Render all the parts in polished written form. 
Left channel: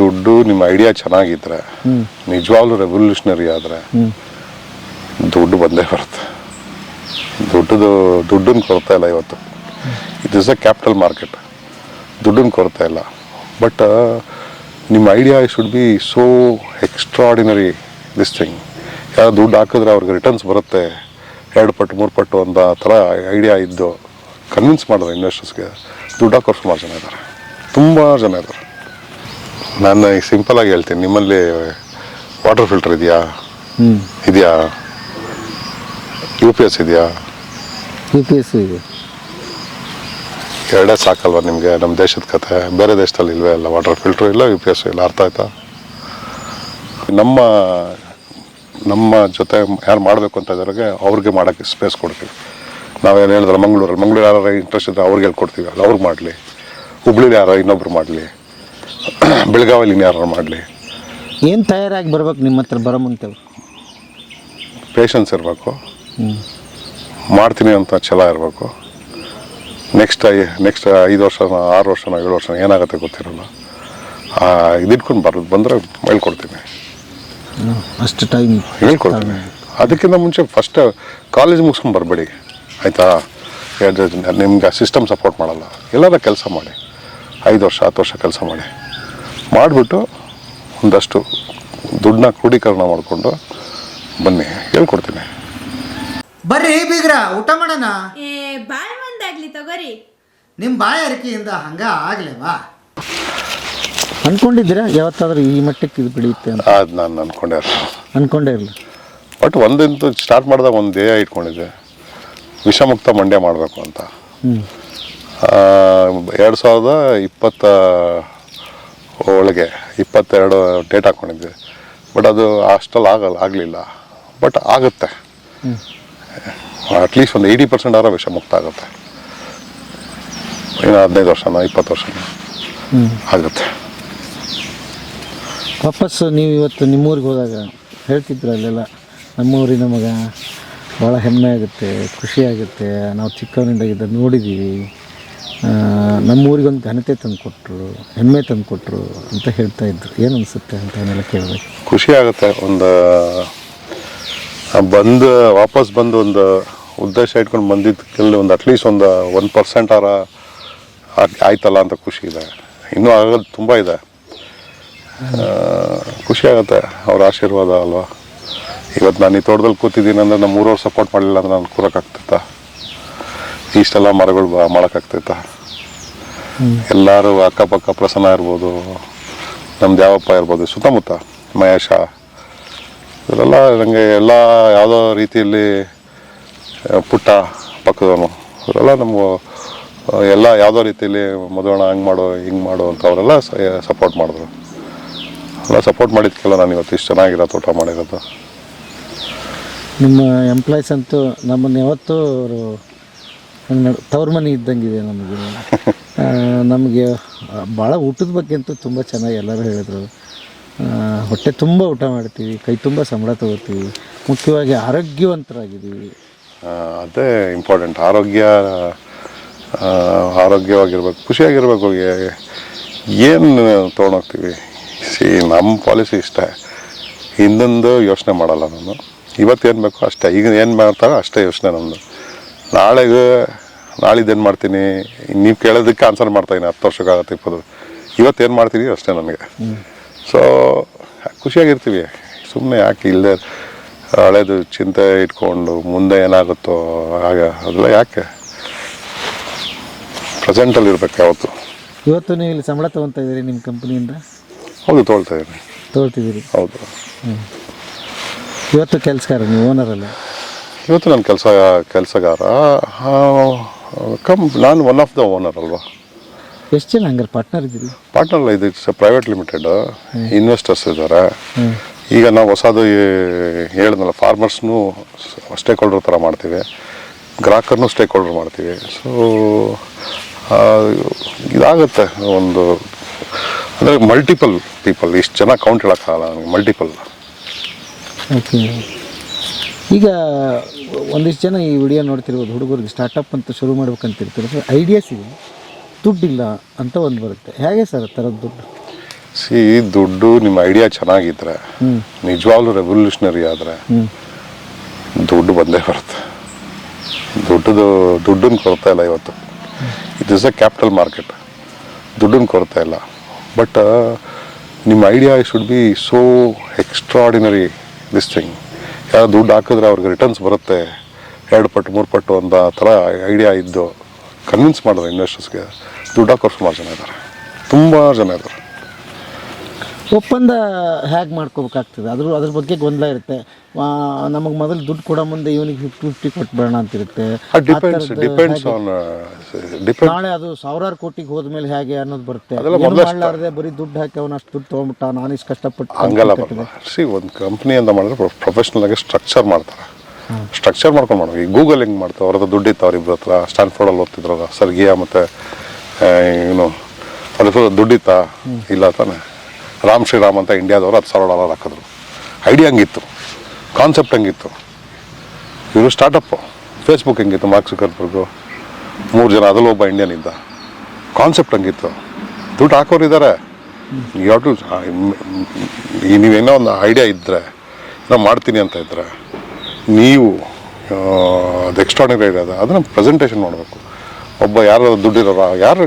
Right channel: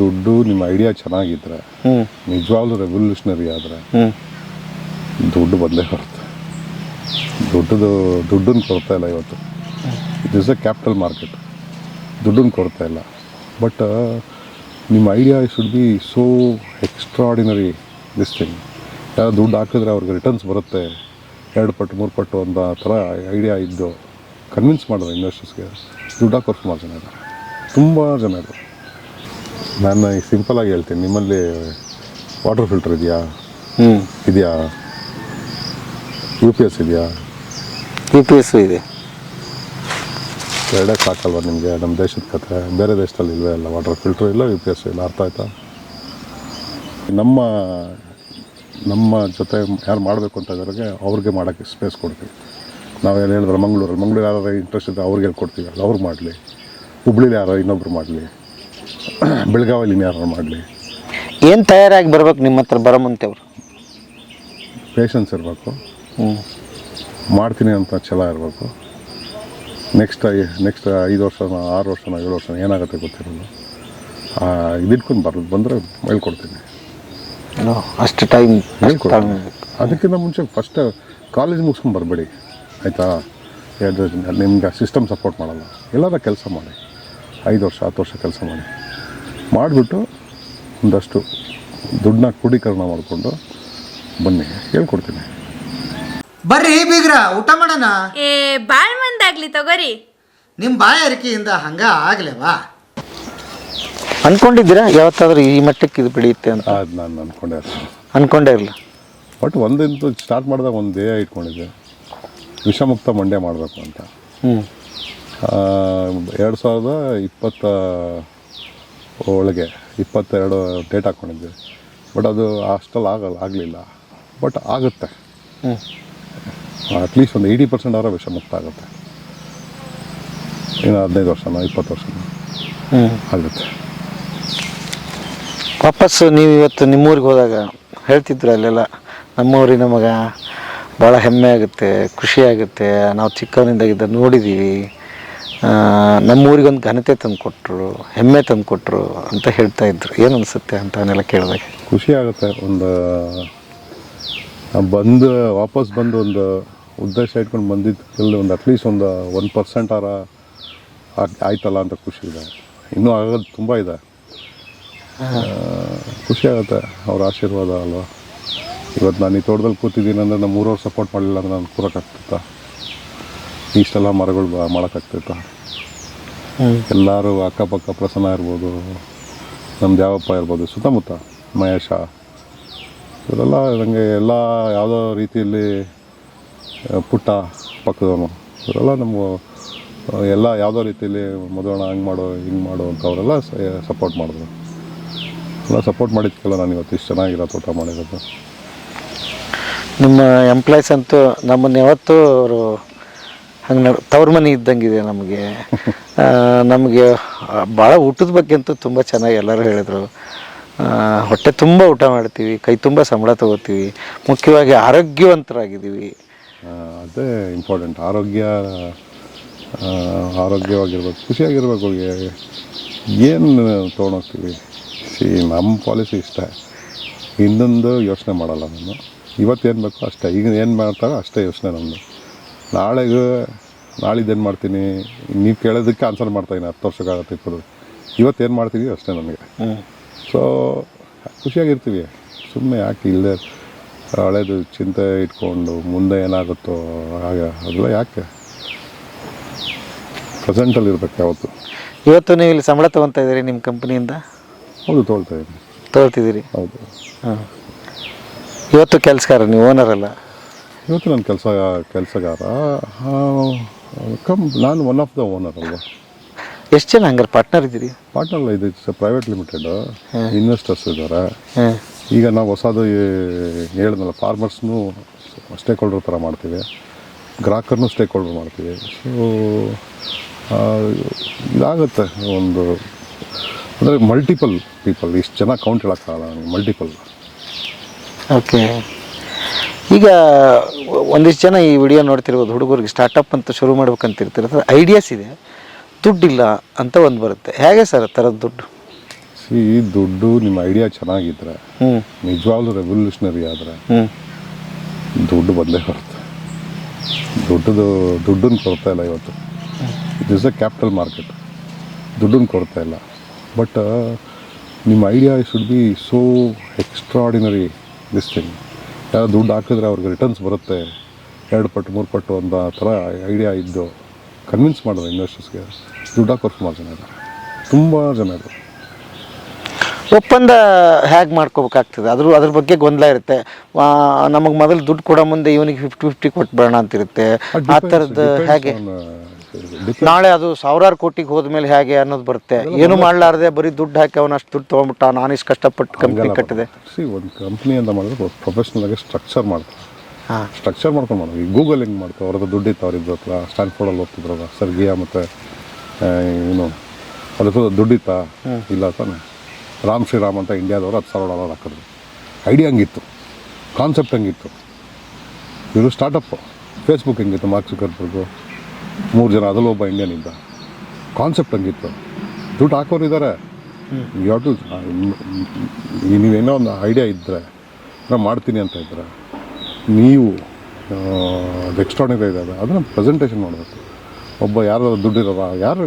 ದುಡ್ಡು ನಿಮ್ಮ ಐಡಿಯಾ ಚೆನ್ನಾಗಿದ್ರೆ ನಿಜವಾಗ್ಲೂ ರೆವಲ್ಯೂಷನರಿ ಆದರೆ ದುಡ್ಡು ಬಂದೇ ಬರುತ್ತೆ. ದುಡ್ಡನ್ನ ಕೊರತೆ ಇಲ್ಲ ಇವತ್ತು. It is a capital market. ದುಡ್ಡನ್ನ ಕೊರತೆ ಇಲ್ಲ. ಬಟ್ ನಿಮ್ಮ idea should be so extraordinary this thing. ಯಾರು ದುಡ್ಡು ಹಾಕಿದ್ರೆ ಅವ್ರಿಗೆ ರಿಟರ್ನ್ಸ್ ಬರುತ್ತೆ 2 ಪಟ್ಟು 3 ಪಟ್ಟು ಅಂತ ಥರ ಐಡಿಯಾ ಇದ್ದು ಕನ್ವಿನ್ಸ್ ಮಾಡಿದ್ರೆ ಇನ್ವೆಸ್ಟರ್ಸ್ಗೆ ದುಡ್ಡು ಹಾಕೋರು ಸುಮಾರು ಜನ ಇದ್ದಾರೆ, ತುಂಬ ಜನ ಇದ್ದಾರೆ. ನಾನು ಈಗ ಸಿಂಪಲಾಗಿ ಹೇಳ್ತೀನಿ, ನಿಮ್ಮಲ್ಲಿ ವಾಟರ್ ಫಿಲ್ಟರ್ ಇದೆಯಾ? ಇದೆಯಾ? UPS ಇದೆಯಾ? UPS ಇದೆ. ಎರಡೇ ಸಾಕಲ್ವ ನಿಮಗೆ? ನಮ್ಮ ದೇಶದ ಕತೆ. ಬೇರೆ ದೇಶದಲ್ಲಿ ಇಲ್ವೇ ಇಲ್ಲ, ವಾಟರ್ ಫಿಲ್ಟ್ರು ಇಲ್ಲ, UPS ಇಲ್ಲ. ಅರ್ಥ ಆಯ್ತಾ? ನಮ್ಮ ಜೊತೆ ಯಾರು ಮಾಡಬೇಕು ಅಂತ ಇದ್ದವ್ರಿಗೆ ಅವ್ರಿಗೆ ಮಾಡೋಕ್ಕೆ ಸ್ಪೇಸ್ ಕೊಡ್ತೀವಿ. ನಾವೇನು ಹೇಳಿದ್ರೆ ಮಂಗಳೂರು ಯಾರು ಇಂಟ್ರೆಸ್ಟ್ ಇದ್ದರೆ ಅವ್ರಿಗೆ ಹೇಳ್ಕೊಡ್ತೀವಿ, ಅದು ಅವ್ರಿಗೆ ಮಾಡಲಿ. ಹುಬ್ಳಿಲಿ ಯಾರೋ ಇನ್ನೊಬ್ರು ಮಾಡಲಿ, ಬೆಳಗಾವಿಲಿ ಯಾರು ಮಾಡಲಿ. ಏನು ತಯಾರಾಗಿ ಬರ್ಬೇಕು ನಿಮ್ಮ ಹತ್ರ ಬರೋ ಮುಂತೆ? ಅವರು ಪೇಷನ್ಸ್ ಇರಬೇಕು, ಮಾಡ್ತೀನಿ ಅಂತ ಛಲ ಇರಬೇಕು. ನೆಕ್ಸ್ಟ್ 5 ವರ್ಷನ 6 ವರ್ಷನ 7 ವರ್ಷನ ಏನಾಗುತ್ತೆ ಗೊತ್ತಿರಲ್ಲ. ಇದಿಟ್ಕೊಂಡು ಬಂದರೆ ಹೇಳ್ಕೊಡ್ತೀನಿ, ಅಷ್ಟು ಟೈಮ್ ಹೇಳ್ಕೊಡ್ತೀನಿ. ಅದಕ್ಕಿಂತ ಮುಂಚೆ ಫಸ್ಟ್ ಕಾಲೇಜ್ ಮುಗಿಸ್ಕೊಂಡು ಬರಬೇಡಿ, ಆಯಿತಾ? ನಿಮ್ಗೆ ಸಿಸ್ಟಮ್ ಸಪೋರ್ಟ್ ಮಾಡಲ್ಲ. ಎಲ್ಲಾರ ಕೆಲಸ ಮಾಡಿ, 5 ವರ್ಷ 10 ವರ್ಷ ಕೆಲಸ ಮಾಡಿಬಿಟ್ಟು ಒಂದಷ್ಟು ದುಡ್ಡನ್ನ ಕ್ರೋಢೀಕರಣ ಮಾಡಿಕೊಂಡು ಬನ್ನಿ, ಹೇಳ್ಕೊಡ್ತೀನಿ. ಬರ್ರಿ ಬೀಗ್ರ, ಊಟ ಮಾಡೋಣ. ಬಾಳ್ ಮಂದಾಗ್ಲಿ ತಗೋರಿ. ನಿಮ್ಮ ಬಾಯಾರಿಕೆಯಿಂದ ಹಂಗ ಆಗ್ಲೇವಾ? ಅನ್ಕೊಂಡಿದ್ದೀರಾ ಯಾವತ್ತಾದ್ರೂ ಈ ಮಟ್ಟಕ್ಕೆ ಇದು ಬೆಳೆಯುತ್ತೆ ಅಂತ? ಅದು ನಾನು ಅನ್ಕೊಂಡೇ ಇರಲ್ಲ. ಬಟ್ ಒಂದಂತೂ ಸ್ಟಾರ್ಟ್ ಮಾಡಿದಾಗ ಒಂದು ಧ್ಯೇಯ ಇಟ್ಕೊಂಡಿದ್ದೆ, ವಿಷಮುಕ್ತ ಮಂಡ್ಯ ಮಾಡಬೇಕು ಅಂತ. 2020 ಒಳಗೆ 22 ಡೇಟ್ ಹಾಕ್ಕೊಂಡಿದ್ದೆ. ಬಟ್ ಅದು ಅಷ್ಟಲ್ಲಿ ಆಗಲಿಲ್ಲ. ಬಟ್ ಆಗುತ್ತೆ, ಅಟ್ಲೀಸ್ಟ್ ಒಂದು 80% ಆರ ವಿಷಮುಕ್ತ ಆಗುತ್ತೆ. ಇನ್ನು 15 ವರ್ಷನ 20 ವರ್ಷನ ಆಗುತ್ತೆ. ವಾಪಸ್ಸು ನೀವು ಇವತ್ತು ನಿಮ್ಮೂರಿಗೆ ಹೋದಾಗ ಹೇಳ್ತಿದ್ರು, ಅಲ್ಲೆಲ್ಲ ನಮ್ಮೂರಿನ ಮಗ, ಭಾಳ ಹೆಮ್ಮೆ ಆಗುತ್ತೆ, ಖುಷಿ ಆಗುತ್ತೆ, ನಾವು ಚಿಕ್ಕವನಿಂದಾಗಿದ್ದ ನೋಡಿದ್ದೀವಿ, ನಮ್ಮೂರಿಗೊಂದು ಘನತೆ ತಂದು ಕೊಟ್ಟರು, ಹೆಮ್ಮೆ ತಂದು ಕೊಟ್ಟರು ಅಂತ ಹೇಳ್ತಾ ಇದ್ರು. ಏನು ಅನಿಸುತ್ತೆ ಅಂತ ಅವನ್ನೆಲ್ಲ ಕೇಳಿದಾಗ? ಖುಷಿ ಆಗುತ್ತೆ. ವಾಪಸ್ ಬಂದು ಒಂದು ಉದ್ದೇಶ ಇಟ್ಕೊಂಡು ಬಂದಿದ್ದಕ್ಕೆ ಒಂದು ಅಟ್ಲೀಸ್ಟ್ ಒಂದು 1% ಆರ ಆಯ್ತಲ್ಲ ಅಂತ ಖುಷಿ ಇದೆ. ಇನ್ನೂ ಆಗೋದು ತುಂಬ ಇದೆ. ಖುಷಿ ಆಗುತ್ತೆ ಅವ್ರ ಆಶೀರ್ವಾದ ಅಲ್ವಾ. ಇವತ್ತು ನಾನು ಈ ತೋಟದಲ್ಲಿ ಕೂತಿದ್ದೀನಿ ಅಂದರೆ ನಮ್ಮ ಊರವ್ರು ಸಪೋರ್ಟ್ ಮಾಡಲಿಲ್ಲ ಅಂದರೆ ನಾನು ಕೂರೋಕ್ಕಾಗ್ತೈತಾ? ಇಷ್ಟೆಲ್ಲ ಮರಗಳು ಮಾಡೋಕ್ಕಾಗ್ತೈತಾ? ಎಲ್ಲರೂ ಅಕ್ಕಪಕ್ಕ ಪ್ರಸನ್ನ ಇರ್ಬೋದು, ನಮ್ದು ಯಾವಪ್ಪ ಇರ್ಬೋದು, ಸುತ್ತಮುತ್ತ ಮಹೇಶ, ಇವರೆಲ್ಲ ನನಗೆ ಎಲ್ಲ ಯಾವುದೋ ರೀತಿಯಲ್ಲಿ ಪುಟ್ಟ ಪಕ್ಕದವನು, ಇವರೆಲ್ಲ ನಮಗೂ ಎಲ್ಲ ಯಾವುದೋ ರೀತಿಯಲ್ಲಿ ಮದುವಣ ಹಂಗೆ ಮಾಡು ಹಿಂಗೆ ಮಾಡು ಅಂತ ಅವರೆಲ್ಲ ಸಪೋರ್ಟ್ ಮಾಡಿದ್ರು. ಎಲ್ಲ ಸಪೋರ್ಟ್ ಮಾಡಿದ್ದಕ್ಕೆಲ್ಲ ನಾನು ಇವತ್ತು ಇಷ್ಟು ಚೆನ್ನಾಗಿರೋ ತೋಟ ಮಾಡಿರೋದು. ನಿಮ್ಮ ಎಂಪ್ಲಾಯ್ಸ್ ಅಂತೂ ನಮ್ಮನ್ನು ಯಾವತ್ತೂ ಅವರು ಹಂಗೆ ತವ್ರ ಮನೆ ಇದ್ದಂಗಿದೆ ನಮಗೆ. ನಮಗೆ ಭಾಳ ಊಟದ ಬಗ್ಗೆ ಅಂತೂ ತುಂಬ ಚೆನ್ನಾಗಿ ಎಲ್ಲರೂ ಹೇಳಿದರು. ಹೊಟ್ಟೆ ತುಂಬ ಊಟ ಮಾಡ್ತೀವಿ, ಕೈ ತುಂಬ ಸಂಬಳ ತೊಗೋತೀವಿ, ಮುಖ್ಯವಾಗಿ ಆರೋಗ್ಯವಂತರಾಗಿದ್ದೀವಿ. ಅದೇ ಇಂಪಾರ್ಟೆಂಟ್. ಆರೋಗ್ಯವಾಗಿರ್ಬೇಕು, ಖುಷಿಯಾಗಿರ್ಬೇಕು. ಏನು ತೊಗೊಂಡೋಗ್ತೀವಿ? ನಮ್ಮ ಪಾಲಿಸಿ ಇಷ್ಟೇ, ಹಿಂದೊಂದು ಯೋಚನೆ ಮಾಡಲ್ಲ ನಾನು. ಇವತ್ತೇನು ಬೇಕೋ ಅಷ್ಟೇ, ಈಗ ಏನು ಮಾಡ್ತಾರೋ ಅಷ್ಟೇ ಯೋಚನೆ ನಮ್ಮದು. ನಾಳಿದ್ದೇನು ಮಾಡ್ತೀನಿ ನೀವು ಕೇಳೋದಕ್ಕೆ ಆನ್ಸರ್ ಮಾಡ್ತಾಯಿದ್ದೀನಿ. 10 ವರ್ಷಕ್ಕಾಗತ್ತೆ 20. ಇವತ್ತೇನು ಮಾಡ್ತೀವಿ ಅಷ್ಟೇ ನನಗೆ. ಸೊ ಖುಷಿಯಾಗಿರ್ತೀವಿ. ಸುಮ್ಮನೆ ಯಾಕೆ ಇಲ್ಲದೆ ಹಳೇದು ಚಿಂತೆ ಇಟ್ಕೊಂಡು ಮುಂದೆ ಏನಾಗುತ್ತೋ ಆಗ ಅದೆಲ್ಲ ಯಾಕೆ? ಪ್ರೆಸೆಂಟಲ್ಲಿ ಇರ್ಬೇಕು ಯಾವತ್ತು. ಇವತ್ತು ನೀವು ಇಲ್ಲಿ ಸಂಬಳ ತೊಗೊತಾ ಇದ್ದೀರಿ ನಿಮ್ಮ ಕಂಪ್ನಿಯಿಂದ? ಹೌದು, ತೊಗೊಳ್ತಿದ್ದೀರಿ. ಹೌದು. ಇವತ್ತು ಕೆಲಸಗಾರ, ನೀವು ಓನರ್ ಅಲ್ಲ? ಇವತ್ತು ನಾನು ಕೆಲಸಗಾರ. ನಾನು ಒನ್ ಆಫ್ ದ ಓನರ್ ಅಲ್ವಾ. ಎಷ್ಟು ಜನ ಹಂಗಾರೆ ಪಾರ್ಟ್ನರ್ ಇದ್ದೀರಿ? ಪಾರ್ಟ್ನರ್ ಇದು ಪ್ರೈವೇಟ್ ಲಿಮಿಟೆಡ್, ಇನ್ವೆಸ್ಟರ್ಸ್ ಇದ್ದಾರೆ. ಈಗ ನಾವು ಹೊಸದು ಹೇಳಿದ್ನಲ್ಲ, ಫಾರ್ಮರ್ಸ್ನೂ ಸ್ಟೇಕ್ ಹೋಲ್ಡರ್ ಥರ ಮಾಡ್ತೀವಿ, ಗ್ರಾಹಕರನ್ನೂ ಸ್ಟೇಕ್ ಹೋಲ್ಡರ್ ಮಾಡ್ತೀವಿ. ಸೊ ಇದಾಗುತ್ತೆ ಒಂದು, ಅಂದರೆ ಮಲ್ಟಿಪಲ್ ಪೀಪಲ್. ಇಷ್ಟು ಜನ ಕೌಂಟ್ ಹೇಳೋಕ್ಕಾಗಲ್ಲ ನನಗೆ, ಮಲ್ಟಿಪಲ್. ಓಕೆ. ಈಗ ಒಂದಿಷ್ಟು ಜನ ಈ ವಿಡಿಯೋ ನೋಡ್ತಿರ್ಬೋದು, ಹುಡುಗರಿಗೆ ಸ್ಟಾರ್ಟಪ್ ಅಂತ ಶುರು ಮಾಡ್ಬೇಕಂತ ಇರ್ತಿರ್ತಾರೆ, ಐಡಿಯಾಸ್ ಇದೆ, ದುಡ್ಡಿಲ್ಲ ಅಂತ ಒಂದು ಬರುತ್ತೆ. ಹೇಗೆ ಸರ್ ಥರದ ದುಡ್ಡು? ಸಿ ದುಡ್ಡು ನಿಮ್ಮ ಐಡಿಯಾ ಚೆನ್ನಾಗಿದ್ರೆ ನಿಜವಾಗ್ಲೂ ರೆವಲ್ಯೂಷನರಿ ಆದರೆ ದುಡ್ಡು ಬಂದೇ ಬರುತ್ತೆ. ದುಡ್ಡನ್ನ ಕೊರತೆ ಇಲ್ಲ ಇವತ್ತು. It is a capital market. ದುಡ್ಡನ್ನ ಕೊರತೆ ಇಲ್ಲ. ಬಟ್ ನಿಮ್ಮ idea should be so extraordinary this thing. ಯಾರು ದುಡ್ಡು ಹಾಕಿದ್ರೆ ಅವ್ರಿಗೆ ರಿಟರ್ನ್ಸ್ ಬರುತ್ತೆ 2 ಪಟ್ಟು 3 ಪಟ್ಟು ಅಂತ ಥರ ಐಡಿಯಾ ಇದ್ದು ಕನ್ವಿನ್ಸ್ ಮಾಡಿದ್ರೆ ಇನ್ವೆಸ್ಟರ್ಸ್ಗೆ ದುಡ್ಡು ಹಾಕೋರು ಸುಮಾರು ಜನ ಇದ್ದಾರೆ, ತುಂಬ ಜನ ಇದ್ದಾರೆ. ಒಪ್ಪಂದ ಹೇಗೆ ಮಾಡ್ಕೋಬೇಕಾಗ್ತದೆ? ಅದ್ರ ಬಗ್ಗೆ ಗೊಂದಲ ಇರುತ್ತೆ. ನಮಗೆ ಮೊದಲು ದುಡ್ಡು ಕೊಡೋ ಮುಂದೆ ಇವನಿಗೆ 50-50 ಕೊಟ್ಬೇಡ ಅಂತಿರುತ್ತೆ. ಆ ಥರದ್ದು ಹೇಗೆ ನಾಳೆ ಅದು 1000 ಕೋಟಿಗೆ ಹೋದ್ಮೇಲೆ ಹೇಗೆ ಅನ್ನೋದು ಬರುತ್ತೆ. ಏನು ಮಾಡಲಾರ್ದೆ ಬರೀ ದುಡ್ಡು ಹಾಕಿ ಅವನು ಅಷ್ಟು ದುಡ್ಡು ತೊಗೊಂಬಿಟ್ಟ, ನಾನು ಇಷ್ಟು ಕಷ್ಟಪಟ್ಟು ಹಂಗೆಲ್ಲ ಕಟ್ಟಿದೆ. ಒಂದು ಕಂಪ್ನಿ ಅಂತ ಮಾಡಿದ್ರೆ ಪ್ರೊಫೆಷ್ನಲ್ ಆಗಿ ಸ್ಟ್ರಕ್ಚರ್ ಮಾಡ್ತಾರೆ. ಸ್ಟ್ರಕ್ಚರ್ ಮಾಡ್ಕೊಂಡು ಮಾಡೋದು. ಈ ಗೂಗಲ್ ಹಿಂಗೆ ಮಾಡ್ತಾರೆ. ಅವ್ರದ್ದು ದುಡ್ಡಿತ್ತು ಅವ್ರಿಬ್ರ ಹತ್ರ. ಸ್ಟ್ಯಾನ್ಫೋರ್ಡಲ್ಲಿ ಓದ್ತಿದ್ರಲ್ಲ ಸರ್ಗಿಯಾ ಮತ್ತು ಏನು ಅದ್ರ ದುಡ್ಡಿತ್ತಾ? ಇಲ್ಲ ತಾನೆ. ರಾಮ್ ಶ್ರೀರಾಮ್ ಅಂತ ಇಂಡಿಯಾದವರು $10,000 ಹಾಕಿದ್ರು. ಐಡಿಯಾ ಹಂಗಿತ್ತು, ಕಾನ್ಸೆಪ್ಟ್ ಹಂಗಿತ್ತು. ಇವರು ಸ್ಟಾರ್ಟಪ್ಪು. ಫೇಸ್ಬುಕ್ ಹೆಂಗಿತ್ತು, ಮಾರ್ಕ್ ಜುಕರ್ಬರ್ಗು 3 ಜನ, ಅದರಲ್ಲಿ ಒಬ್ಬ ಇಂಡಿಯನ್ ಇದ್ದ. ಕಾನ್ಸೆಪ್ಟ್ ಹಂಗಿತ್ತು. ದುಡ್ಡು ಹಾಕೋರು ಇದ್ದಾರೆ. ನೀವೇನೋ ಒಂದು ಐಡಿಯಾ ಇದ್ದರೆ ನಾನು ಮಾಡ್ತೀನಿ ಅಂತ ಇದ್ದರೆ ನೀವು ಅದು ಎಕ್ಸ್ಟ್ರಾರ್ಡಿನರಿ ಐಡಿಯಾ ಅದ ಅದನ್ನು ಪ್ರೆಸೆಂಟೇಷನ್ ಮಾಡಬೇಕು. ಒಬ್ಬ ಯಾರು ದುಡ್ಡಿರೋರ ಯಾರು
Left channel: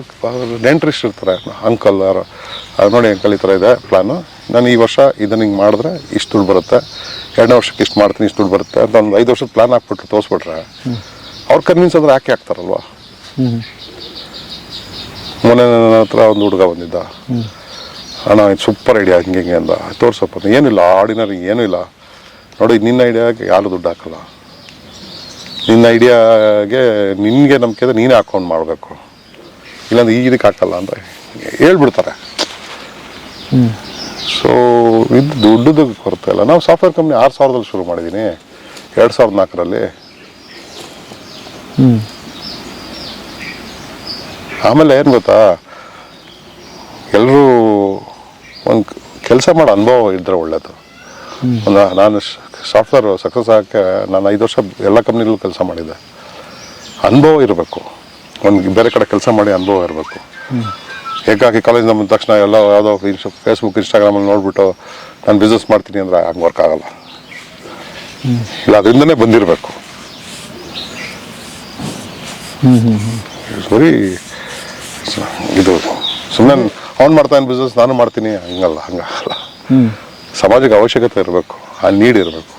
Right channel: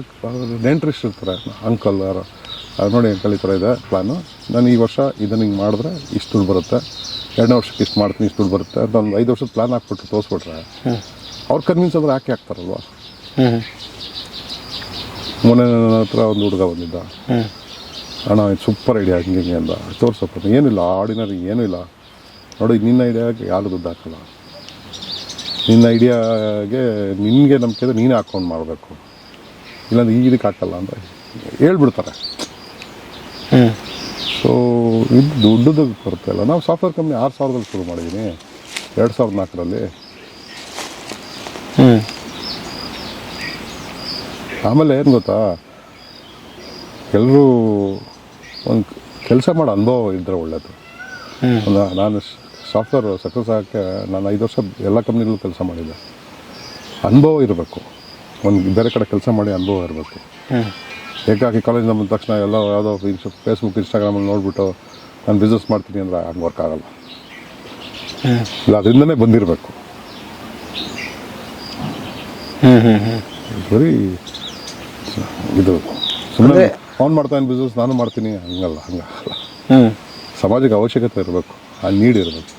ನೆಂಟ್ರಿಸ್ಟ್ ಇರ್ತಾರೆ, ಅಂಕಲ್ ಯಾರು ನೋಡಿ ಅಂಕಲ್ ಈ ಥರ ಇದೆ ಪ್ಲ್ಯಾನು, ನಾನು ಈ ವರ್ಷ ಇದನ್ನು ಹಿಂಗೆ ಮಾಡಿದ್ರೆ ಇಷ್ಟು ದುಡ್ಡು ಬರುತ್ತೆ, 2ನೇ ವರ್ಷಕ್ಕೆ ಇಷ್ಟು ಮಾಡ್ತೀನಿ ಇಷ್ಟು ದುಡ್ಡು ಬರುತ್ತೆ ಅಂತ ಒಂದು 5 ವರ್ಷದ ಪ್ಲ್ಯಾನ್ ಹಾಕ್ಬಿಟ್ಟು ತೋರಿಸ್ಬಿಟ್ರೆ ಅವ್ರು ಕನ್ವಿನ್ಸ್ ಅಂದ್ರೆ ಯಾಕೆ ಆಗ್ತಾರಲ್ವ. ಮೊನ್ನೆ ನನ್ನ ಹತ್ರ ಒಂದು ಹುಡುಗ ಬಂದಿದ್ದ, ಅಣ್ಣ ಇದು ಸೂಪರ್ ಐಡಿಯಾ ಹಿಂಗೆ ಹಿಂಗೆ ಅಂದ. ತೋರ್ಸಪ್ಪ. ಏನಿಲ್ಲ, ಆರ್ಡಿನರಿ ಏನೂ ಇಲ್ಲ ನೋಡಿ, ನಿನ್ನ ಐಡಿಯಾಗೆ ಯಾರು ದುಡ್ಡು ಹಾಕಲ್ಲ. ನಿನ್ನ ಐಡಿಯಾಗೆ ನಿನಗೆ ನಂಬಿಕೆ ಇದೆ, ನೀನೇ ಅಕೌಂಟ್ ಮಾಡಬೇಕು, ಇಲ್ಲಾಂದ್ರೆ ಇದಕ್ಕೆ ಹಾಕಲ್ಲ ಅಂತ ಹೇಳ್ಬಿಡ್ತಾರೆ. ಸೊ ಇದು ದುಡ್ಡದ ಕೊರತೆ ಇಲ್ಲ. ನಾವು ಸಾಫ್ಟ್ವೇರ್ ಕಂಪ್ನಿ 6000ದಲ್ಲಿ ಶುರು ಮಾಡಿದ್ದೀನಿ, 2004ರಲ್ಲಿ. ಆಮೇಲೆ ಏನು ಗೊತ್ತಾ, ಎಲ್ಲರೂ ಒಂದು ಕೆಲಸ ಮಾಡೋ ಅನುಭವ ಇದ್ದರೆ ಒಳ್ಳೆಯದು. ನಾನು ಸಾಫ್ಟ್ವೇರ್ ಸಕ್ಸಸ್ ಆಗೋಕ್ಕೆ ನಾನು 5 ವರ್ಷ ಎಲ್ಲ ಕಂಪ್ನಿಗಳಲ್ಲೂ ಕೆಲಸ ಮಾಡಿದ್ದೆ. ಅನುಭವ ಇರಬೇಕು, ಒಂದು ಬೇರೆ ಕಡೆ ಕೆಲಸ ಮಾಡಿ ಅನುಭವ ಇರಬೇಕು. ಏಕಾಕಿ ಕಾಲೇಜಿಂದ ಬಂದ ತಕ್ಷಣ ಎಲ್ಲ ಯಾವುದೋ ಫೇಸ್ಬುಕ್ ಇನ್ಸ್ಟಾಗ್ರಾಮಲ್ಲಿ ನೋಡಿಬಿಟ್ಟು ನಾನು ಬಿಸ್ನೆಸ್ ಮಾಡ್ತೀನಿ ಅಂದರೆ ಹಂಗೆ ವರ್ಕ್ ಆಗಲ್ಲ. ಇಲ್ಲ, ಅದರಿಂದನೇ ಬಂದಿರಬೇಕು. ಬರೀ ಇದು ಸುಮ್ಮನೆ ಅವ್ನು ಮಾಡ್ತಾನೆ ಬಿಸ್ನೆಸ್ ನಾನು ಮಾಡ್ತೀನಿ ಹಂಗಲ್ಲ. ಸಮಾಜಕ್ಕೆ ಅವಶ್ಯಕತೆ ಇರಬೇಕು, ಆ ನೀಡ್ ಇರಬೇಕು.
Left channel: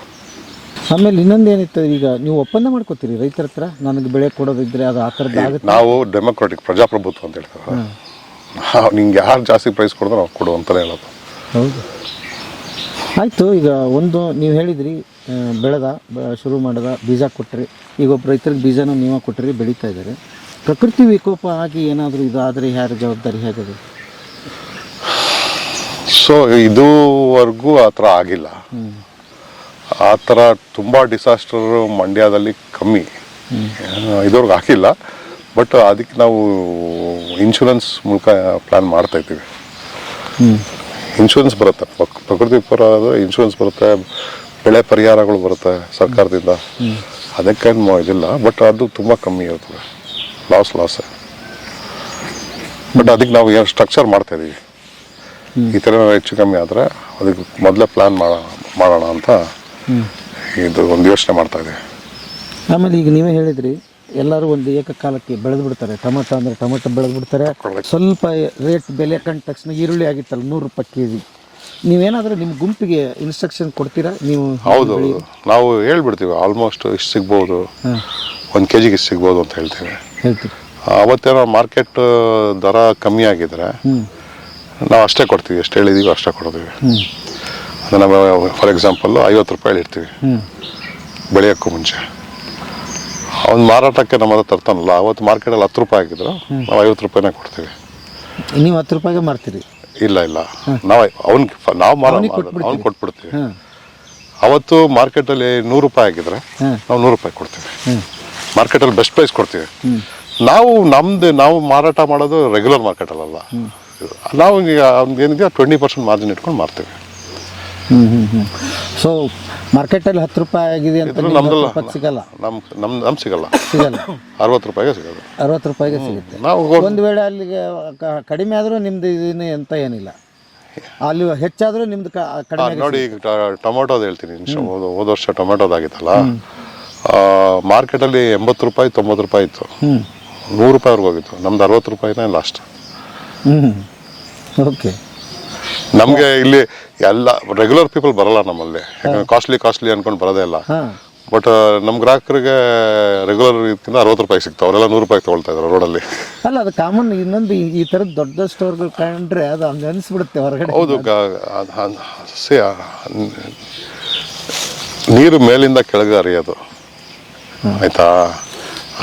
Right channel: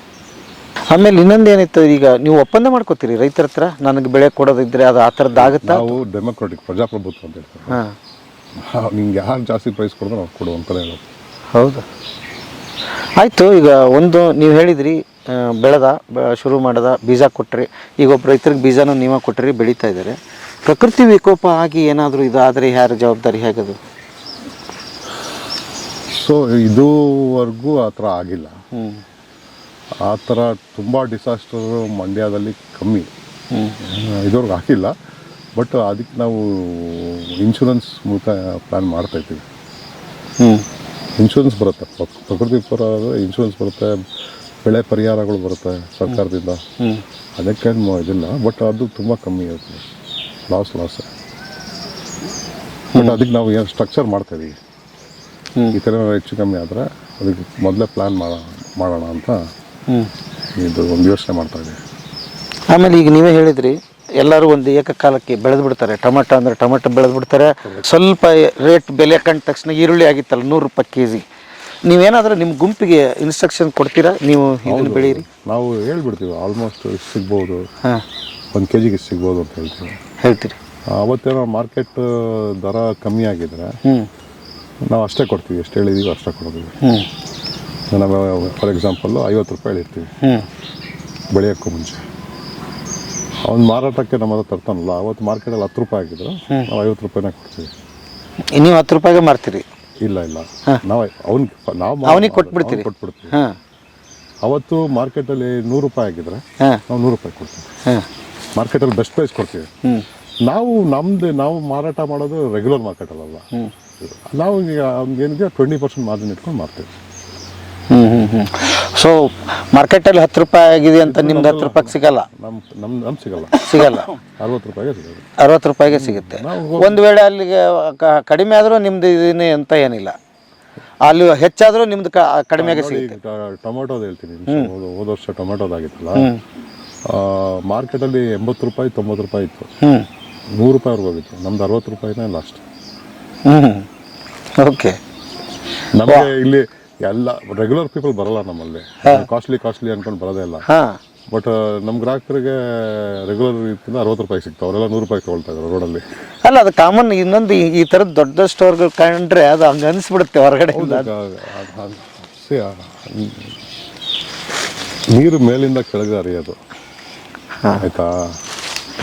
ಆಮೇಲೆ ಇನ್ನೊಂದು ಏನಿತ್ತು, ಈಗ ನೀವು ಒಪ್ಪಂದ ಮಾಡ್ಕೋತೀರಿ ರೈತರ ಹತ್ರ, ನನಗೆ ಬೆಳೆ ಕೊಡೋದಿದ್ರೆ ಅದು ಆ ಥರದ್ದು ಆಗುತ್ತೆ. ನಾವು ಡೆಮೊಕ್ರಾಟಿಕ್ ಪ್ರಜಾಪ್ರಭುತ್ವ ಅಂತ ಹೇಳ್ತಾರೆ. ನಿಂಗೆ ಯಾರು ಜಾಸ್ತಿ ಪ್ರೈಸ್ ಕೊಡಿದ್ರೆ ನಾವು ಕೊಡು ಅಂತಲೇ ಹೇಳೋದು. ಹೌದು, ಆಯಿತು. ಈಗ ಒಂದು ನೀವು ಹೇಳಿದ್ರಿ, ಶುರು ಮಾಡದ ಬೀಜ ಕೊಟ್ಟರೆ, ಈಗ ಒಬ್ಬ ರೈತರಿಗೆ ಬೀಜನೂ ನೀವೇ ಕೊಟ್ಟರೆ ಬೆಳೀತಾ ಇದ್ದಾರೆ. ಪ್ರಕೃತಿ ವಿಕೋಪ ಆಗಿ ಏನಾದರೂ ಇದಾದರೆ ಯಾರ ಜವಾಬ್ದಾರಿ ಹೇಗದು? ಸೊ ಇದುವರೆಗೂ ಆ ಥರ ಆಗಿಲ್ಲ. ಆ ಥರ ತುಂಬ ಡಿಸಾಸ್ಟರ್ ಮಂಡ್ಯದಲ್ಲಿ ಕಮ್ಮಿ, ಇದುವರೆಗೂ ಆಗಿಲ್ಲ. ಬಟ್ ಅದಕ್ಕೆ ನಾವು ಇನ್ಶೂರೆನ್ಸ್ ಮೂಲಕ ಪ್ಲ್ಯಾನ್ ಮಾಡ್ತಾಯಿದ್ದೀವಿ. ಇನ್ಶೂರೆನ್ಸ್ ಬರುತ್ತೆ, ಪ್ರಕೃತಿ ಪರ ಇನ್ಶೂರೆನ್ಸ್ ಬರುತ್ತೆ, ಬೆಳೆ ಪರಿಹಾರಗಳು ಬರುತ್ತೆ ಸರ್ಕಾರದಿಂದ. ಅದಕ್ಕೇನು ಇದಿಲ್ಲ, ಬಟ್ ಅದು ತುಂಬ ಕಮ್ಮಿ ಇರ್ತದೆ, ಲಾಸೇ. ಬಟ್ ಅದಕ್ಕೆ ನಾವು ಏನು ಸ್ಟ್ರಕ್ಚರ್ ಮಾಡ್ತಾಯಿದ್ದೀವಿ. ಈ ಥರ ಹೆಚ್ಚು ಕಮ್ಮಿ ಆದರೆ ಅದಕ್ಕೆ ಮೊದಲೇ ಪ್ಲ್ಯಾನ್ ಮಾಡೋಣ ಅಂತ ಇದು ಒಂದು ಯೋಚನೆ ಮಾಡ್ತಾಯಿದ್ದೀವಿ. ಆಮೇಲೆ ಈಗ ನೀವೇ ಹೇಳಿದ್ರಿ, ಎಲ್ಲರೂ ಒಂದು ಏಕಕಾಲಕ್ಕೆ ಬೆಳೆದು ಬಿಡ್ತಾರೆ. ಟೊಮೆಟೊ ಅಂದರೆ ಟೊಮೆಟೊ ಬೆಳೆದು ಬಿಡ್ತಾರೆ. ಸ್ವಲ್ಪ ರೇಟ್ ಬೆಲೆ ಕಂಡ ತಕ್ಷಣ ಈರುಳ್ಳಿ ಆಗಿತ್ತಲ್ಲ ₹100 kg. ನೀವೇನಾದರೂ ನಿಮ್ಮ ಗುಂಪಿಗೆ ಇನ್ಸ್ಟ್ರಕ್ಷನ್ ಕೊಡ್ತೀರಾ? ನೀವು ಹೌದು, ನಾವು ಹೇಳ್ಬಿಡ್ತೀವಿ ಆಲ್ಮೋಸ್ಟ್ ಇಷ್ಟು ಸಿಗ್ಬೋದು, 1 kg ಇಷ್ಟು ಸಿಗ್ಬೋದು ಅಂತ ಹೇಳ್ತೀರಿ. ಅವತ್ತೇನೋ ಮಾರ್ಕೆಟ್ ದರ ಕಮ್ಮಿ ಆಗಿದ್ರೆ ನಾವು ಅಷ್ಟೇ ಕೊಡ್ತೀವಿ, ಎಷ್ಟು ಹೇಳಿದ್ದೀವಿ ಅಷ್ಟೇ ಕೊಡ್ತೀವಿ. ನಾವು ಫಾರ್ ಎಕ್ಸಾಂಪಲ್ಲು ₹50 ಇಡ್ತೀವಿ ಬೆಳೆಯೋಕ್ಕೂ ಮುಂಚೆ. ಅವ್ನು ಮಾರಾಟಕ್ಕೆ ನಮ್ಮ ಹತ್ರ ತರ್ತಾನಲ್ಲ, ಅವತ್ತು ಮಾರ್ಕೆಟಲ್ಲಿ ₹10 ಆಗಿದ್ರು ನಾವು ₹50 ಕೊಡ್ತೀವಿ. ನೀವು ₹10 ಮಾರ್ತೀರಿ? ಇಲ್ಲ, ನಾವು ಅವನಿಗೆ ಕೊಟ್ಬಿಡ್ತೀವಿ. ಅವತ್ತು ಮಾರ್ಕೆಟಲ್ಲಿ ₹100 ಆಗಿದ್ರೆ ನಾವು ₹100 ಕೊಡ್ತೀವಿ. ಮಾರ್ಕೆಟಲ್ಲಿ ಬೆಸ್ಟ್ ಪ್ರೈಸ್ ಕೊಡ್ತೀವಿ. ನಾವು ಮಾರಾಟ ಮಾಡೋದು ರೆಗ್ಯುಲರ್ ಮಾರ್ಕೆಟಲ್ಲ. ನಾವು ಏನಿದೆ 20% ಮಾರ್ಜಿನ್ ಇಟ್ಕೊಂಡು ಮಾರ್ತೀವಿ. ಸೊ ಮಾರ್ಕೆಟಲ್ಲಿ ₹10 ಆಗಿದೆ ಅಂತ ನಿಮ್ಗೆ ₹10 ಸಿಗಲ್ಲ? ನಮ್ಗೆ ಸಿಗಲ್ಲ ₹60 ಸಿಗೋದು. ₹60 ಸಿಗುತ್ತೆ. ಒಂದು ವೇಳೆ ಅಲ್ಲಿಗೆ ಕಡಿಮೆ ಆದರೂ ನಿಮ್ದು ಇದೀನಿ ಅಂತ ಏನಿಲ್ಲ? ಅಲ್ಲಿ ಹೆಚ್ಚಾದರೂ ನಿಮ್ದು ಕಡಿಮೆ ನೋಡಿ ಈಗ ಟೊಮೊಟೊದು ಹೇಳ್ತೀನಿ ಹೋದ ವರ್ಷ ಟೊಮೆಟೊದಾಗಿತ್ತಲ್ಲ ಮಾರ್ಕೆಟಲ್ಲಿ 80 ರೂಪಾಯಿ 90 ರೂಪಾಯಿ ಇತ್ತು, 100 ರೂಪಾಯಿವರೆಗೂ ಹೋಗಿತ್ತು. ನಮ್ದು 60 ರೂಪಾಯಿನೇ ಲಾಸ್ಟ್. ಓಕೆ. ನಮಗೆ ಇಲ್ಲಿ ಎಲ್ಲ ರೆಗ್ಯುಲರ್ ಪೀಪಲ್ ಬರಲ್ಲ ನಮ್ಮಲ್ಲಿ, ಕಾಸ್ಟ್ಲಿ ಅನ್ಕೊಂಡು ಬರೋದೇ ಇಲ್ಲ. ಬಟ್ ನಮ್ಮ ಗ್ರಾಹಕರಿಗೆ ರೆಗ್ಯುಲರ್ ಇದಕ್ಕಿಂತ 60 ರೂಪಾಯಿ ಸಿಗ್ತಾವೆ. ಅವರೆಲ್ಲ 100 ರೂಪಾಯಿ ತೊಗೊಳ್ತಾ ಇದ್ದಾರೆ ರೋಡಲ್ಲಿ. ಅಲ್ಲ, ಅದು ಕಾಮನ್. ಇನ್ನೊಂದು ಈ ಥರದ ದೊಡ್ಡ ಸ್ಟೋರ್ಗಳು ಕಂಡ್ರೆ ಅದು ಹಂಗೆ ಅನಿಸ್ಬಿಡುತ್ತೆ ಹೊರಗಡೆ. ಹೌದು, ನೀರು ಮೇಲಿಂದ ಕೆಳಗೆ ಹರಿಯೋದು, ಆಯ್ತಾ.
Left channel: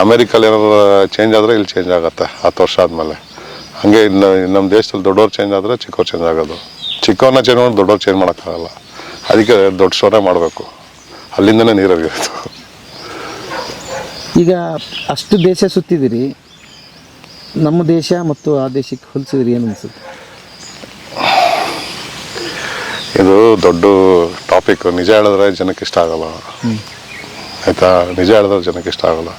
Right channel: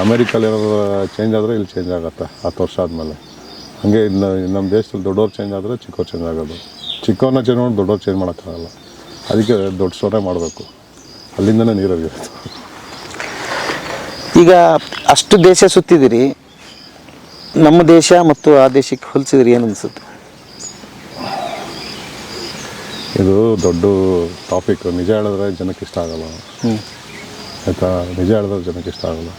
ಅಮೇರಿಕಲ್ಲಿ ಏನಾದ್ರು ಚೇಂಜ್ ಆದರೆ ಇಲ್ಲಿ ಚೇಂಜ್ ಆಗುತ್ತೆ 10 ವರ್ಷ ಆದಮೇಲೆ. ಹಾಗೆ ಇನ್ನು ನಮ್ಮ ದೇಶದಲ್ಲಿ ದೊಡ್ಡವ್ರು ಚೇಂಜ್ ಆದರೆ ಚಿಕ್ಕವ್ರು ಚೇಂಜ್ ಆಗೋದು. ಚಿಕ್ಕವ್ರನ್ನ ಚೇಂಜ್ ಮಾಡಿ ದೊಡ್ಡವ್ರು ಚೇಂಜ್ ಮಾಡೋಕ್ಕಾಗಲ್ಲ. ಅದಕ್ಕೆ ದೊಡ್ಡ ಸ್ಟೋರೇ ಮಾಡಬೇಕು, ಅಲ್ಲಿಂದನೇ ನೀರು ಹರಿಯೋದು. ಈಗ ಅಷ್ಟು ದೇಶ ಸುತ್ತಿದಿರಿ, ನಮ್ಮ ದೇಶ ಮತ್ತು ಆ ದೇಶಕ್ಕೆ ಹೋಲಿಸಿದ್ರಿ, ಏನು ಅನಿಸುತ್ತೆ? ಇದು ದೊಡ್ಡ ಟಾಪಿಕ್. ನಿಜ ಹೇಳಿದ್ರೆ ಜನಕ್ಕೆ ಇಷ್ಟ ಆಗಲ್ಲ, ಆಯಿತಾ. ನಿಜ ಹೇಳಿದ್ರೆ ಜನಕ್ಕೆ ಇಷ್ಟ ಆಗಲ್ಲ.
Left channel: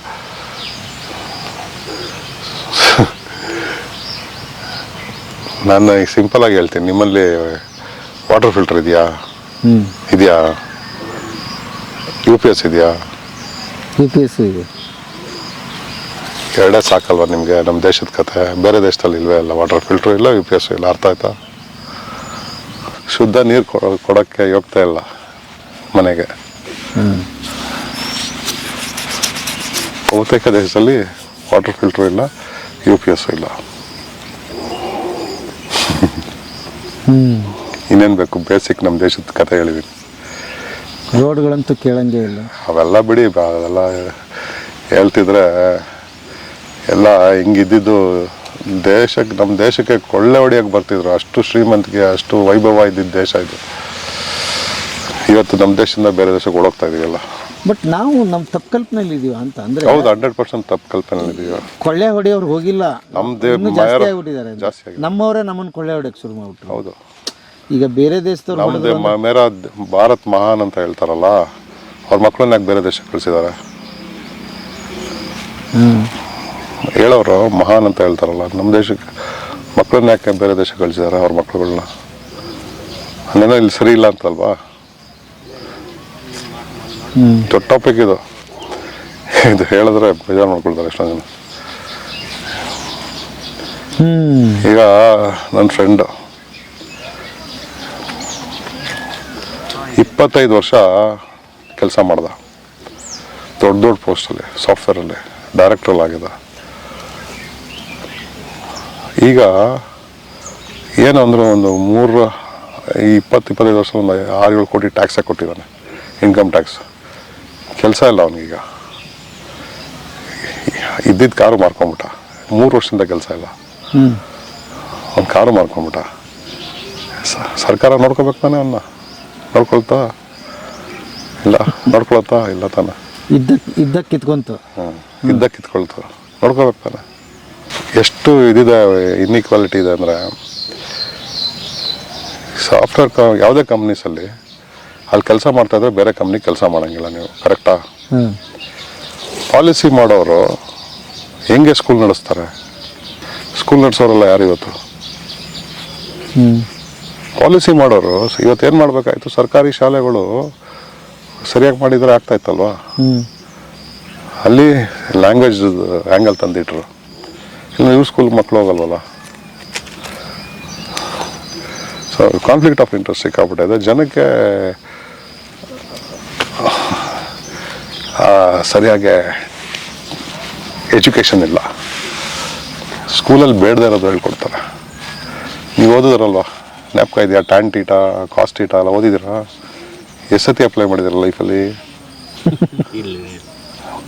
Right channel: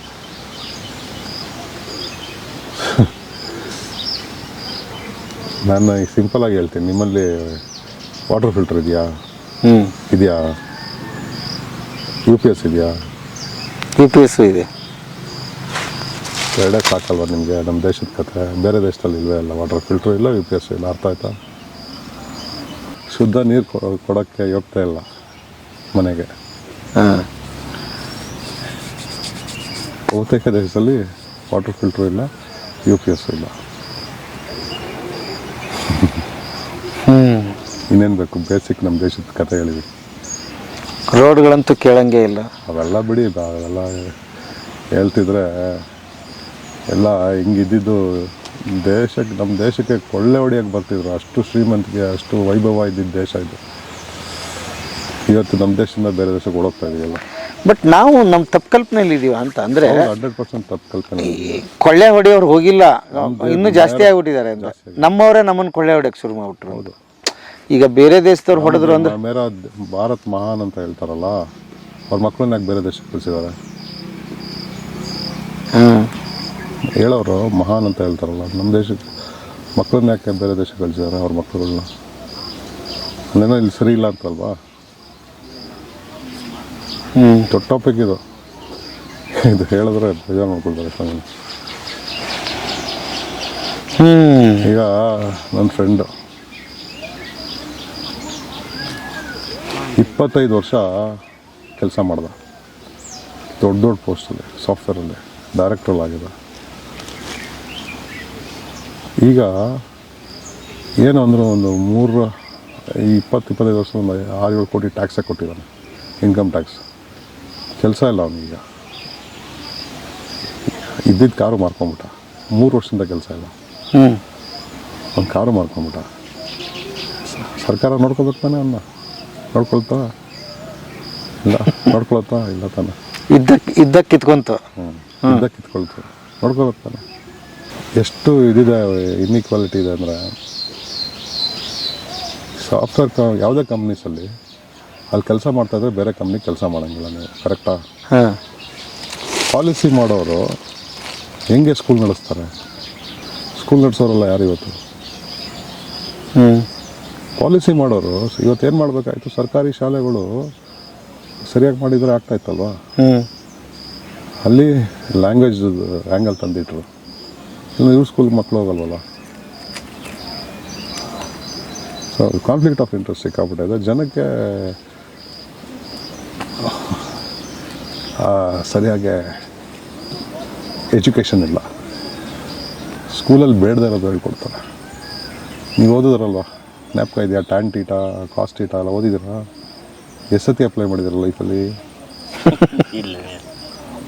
ನಾನು ಈಗ ಸಿಂಪಲಾಗಿ ಹೇಳ್ತೀನಿ, ನಿಮ್ಮಲ್ಲಿ ವಾಟರ್ ಫಿಲ್ಟರ್ ಇದೆಯಾ? ಇದೆಯಾ? UPS ಇದೆಯಾ? UPS ಇದೆ. ಎರಡೇ ಸಾಕಲ್ವ ನಿಮಗೆ? ನಮ್ಮ ದೇಶದ ಕತೆ. ಬೇರೆ ದೇಶದಲ್ಲಿ ಇಲ್ವೇ ಇಲ್ಲ, ವಾಟರ್ ಫಿಲ್ಟ್ರು ಇಲ್ಲ, UPS ಇಲ್ಲ. ಅರ್ಥ ಆಯ್ತಾ? ಶುದ್ಧ ನೀರು ಕೊಡೋಕ್ಕೆ ಯೋಗ್ತಾ ಇಲ್ಲ ಮನೆಗೆ. ಬಹುತೇಕ ದೇಶದಲ್ಲಿ ವಾಟರ್ ಫಿಲ್ಟ್ರು ಇಲ್ಲ, UPS ಇಲ್ಲ. ಇನ್ನೇನು ಬೇಕು? ಬೇಸಿಕ್ ನಮ್ಮ ದೇಶದ ಕತೆ ಹೇಳಿದ್ದೀನಿ. ರೋಡ್ಗಳಂತೂ ಕೇಳಂಗೆ ಇಲ್ಲ. ಅವೆಲ್ಲ ಬಿಡಿ, ಅವೆಲ್ಲ ಹೇಳ್ತಿದ್ರೆ ಎಲ್ಲ ಹಿಂಗಿದ್ದಿದ್ದು ನಮ್ಮ ದೇಶಕ್ಕೆ ಕೊಳ್ಳೆ ಹೊಡಿಯೋಕ್ಕೆ ಬರ್ತಿದ್ರು. ಅಷ್ಟು ಶ್ರೀಮಂತಿಗೆ, ಅಷ್ಟು ವೈಭವ ಇದ್ದಿದ್ದ ದೇಶ ಇದು. ಇವತ್ತು ನಮ್ಮ ದೇಶದಿಂದ ಬೇರೆ ದೇಶಕ್ಕೆ ಓಡೋಗ್ತಾ ಇದೀವಲ್ಲ. ಬಟ್ ನಾವು ನಮ್ಮ ತಪ್ಪು ಕಲ್ಪನೆಯಲ್ಲಿ ಇದೀವ ಅಂತ ಅಂದ್ರೆ. ಹೌದು, 100% ತಪ್ಪು ಕಲ್ಪನೆಯಲ್ಲಿ ಇದೀವಿ. ಕೊಳ್ಳೆ ಹೊಡೆಯೋರು ಹೋಗಿಲ್ಲ, ಇನ್ನೂ ಜಾಸ್ತಿ ಆಗ್ಬಿಟ್ಟಿದ್ದಾರೆ. ನಮ್ಮವರೇ ನಮ್ಮನ್ನು ಕೊಳ್ಳೆ ಹೊಡೆಯಕ್ಕೆ ಶುರು ಮಾಡ್ಬಿಟ್ರು. ಹೌದು. ಈಗ ಬೇರೆ ದೇಶದವ್ರು ಹೊಡೆದ್ರು. ಮೇರಾ ಭಾರತ್ ಮಹಾನ್ ಅಂತ ಹೇಳ್ತಾರಲ್ಲ, ಅವ್ರ ಮಕ್ಕಳನ್ನ ಯಾಕೆ ಬೇರೆ ದೇಶಕ್ಕೆ ಕಳಿಸಿದ್ದಾರೆ? ಹೇಳೋರು ಮಹಾನ್ ಅಂತ ಹೇಳ್ತಾರಲ್ಲ, ನಮ್ಮ ದೇಶಕ್ಕೆ ಮಕ್ಕಳನ್ನ ಯಾಕೆ ಬೇರೆ ದೇಶಕ್ಕೆ ಕಳಿಸಿದ್ದಾರೆ? ಅವ್ರ ಮಕ್ಕಳುಗಳನ್ನ ಅಲ್ಲೇನೋ ಇಲ್ಲಿ ಸರಿ ಇಲ್ಲ ಅಂತಲ್ವಾ? ದೊಡ್ಡ ಟಾಪಿಕ್ ಇದು. ಇದು ಹೇಳಿದ್ರೆ ಬೇಜಾರು ಮಾಡ್ಕೊಳ್ತಾರೆ ಎಷ್ಟೊಂದು ಜನ. ಈಗ ನನ್ನ ಫ್ರೆಂಡ್ 25 ವರ್ಷ ಕೆಲಸ ಮಾಡ್ದ, ದೊಡ್ಡ ಪೋಸ್ಟಲ್ಲಿ, ಸಾಫ್ಟ್ವೇರಲ್ಲಿ ಡೈರೆಕ್ಟ್ರಲ್ಲಿ ಆಗಿದೆ. ಈಗ ಏನು ಅಂದರೆ ಒಂದು 20-25 ವರ್ಷ ಒಂದು 6-7 ಕೋಟಿ ಟ್ಯಾಕ್ಸೇ ಕೊಟ್ಟಿದ್ದಾನೆ, ಇನ್ಕಮ್ ಟ್ಯಾಕ್ಸ್. ಕೆಲಸ ಇಲ್ಲ ಅವನಿಗೀಗ. ಇದ್ದಿದ್ದು ಕಾರು ಮಾರ್ಕೊಂಬಿಟ್ಟ, 3 ವರ್ಷದಿಂದ ಕೆಲಸ ಇಲ್ಲ. ಒಂದು ಕಾರು ಮಾರ್ಕೊಂಬಿಟ್ಟ. ಸರ್ಕಾರ ನೋಡ್ಕೋಬೇಕು ತಾನೆ ಅವನ್ನ? ನೋಡ್ಕೊಳ್ತಾ ಇಲ್ಲ, ನೋಡ್ಕೊಳತ್ತಾ ಇಲ್ಲ ತಾನೆ? ಇದ್ದ ಕಿತ್ಕೊಂತ ಕಿತ್ಕೊಳ್ತು, ನೋಡ್ಕೋಬೇಕು ತಾನೆ? ಎಷ್ಟು ಇದಿದೆ, ಇನ್ಇಕ್ವಾಲಿಟಿ ಇದೆ ಅಂದರೆ. ಸಾಫ್ಟ್ವೇರ್ ಯಾವುದೇ ಕಂಪ್ನೀಸಲ್ಲಿ ಅಲ್ಲಿ ಕೆಲಸ ಮಾಡ್ತಾಯಿದ್ರೆ ಬೇರೆ ಕಂಪ್ನಿ ಕೆಲಸ ಮಾಡೋಂಗಿಲ್ಲ ನೀವು, ಕರೆಕ್ಟಾ? ಪಾಲಿಸಿ ಮಾಡೋರು ಹೆಂಗೆ ಸ್ಕೂಲ್ ನಡೆಸ್ತಾರೆ? ಸ್ಕೂಲ್ ನಡೆಸೋರೆಲ್ಲ ಯಾರು ಇವತ್ತು? ಪಾಲಿಸಿ ಮಾಡೋರು ಇವತ್ತೇನು ಮಾಡಬೇಕಾಯ್ತು? ಸರ್ಕಾರಿ ಶಾಲೆಗಳು ಸರಿಯಾಗಿ ಮಾಡಿದರೆ ಆಗ್ತಾಯಿತ್ತಲ್ವಾ? ಅಲ್ಲಿ ಲ್ಯಾಂಗ್ವೇಜ್ ಆ್ಯಂಗಲ್ ತಂದಿಟ್ರು. ಇಲ್ಲ ಇವ್ರ ಸ್ಕೂಲ್ ಮಕ್ಕಳು ಹೋಗಲ್ವಲ್ಲ. ಸೊ ಕಾನ್ಫ್ಲಿಕ್ಟ್ ಆಫ್ ಇಂಟ್ರೆಸ್ಟ್ ಸಿಕ್ಕಾಬಿಟ್ಟಿದೆ ಜನಕ್ಕೆ. ಸರಿಯಾಗಿ ಎಜುಕೇಷನ್ ಇಲ್ಲ. ಸ್ಕೂಲಲ್ಲಿ ಬೇಡದೇ ಇರೋದು ಹೇಳ್ಕೊಡ್ತಾರೆ. ನೀವು ಓದಿದ್ರಲ್ವ, ಜ್ಞಾಪಕ ಇದೆಯಾ? ಟ್ಯಾನ್ ಟೀಟಾ, ಕಾಸ್ಟ್ ಟೀಟಾ ಎಲ್ಲ ಓದಿದ್ದೀರಾ? ಎಷ್ಟು ಸತಿ ಅಪ್ಲೈ ಮಾಡಿದ್ದೀರ ಲೈಫಲ್ಲಿ?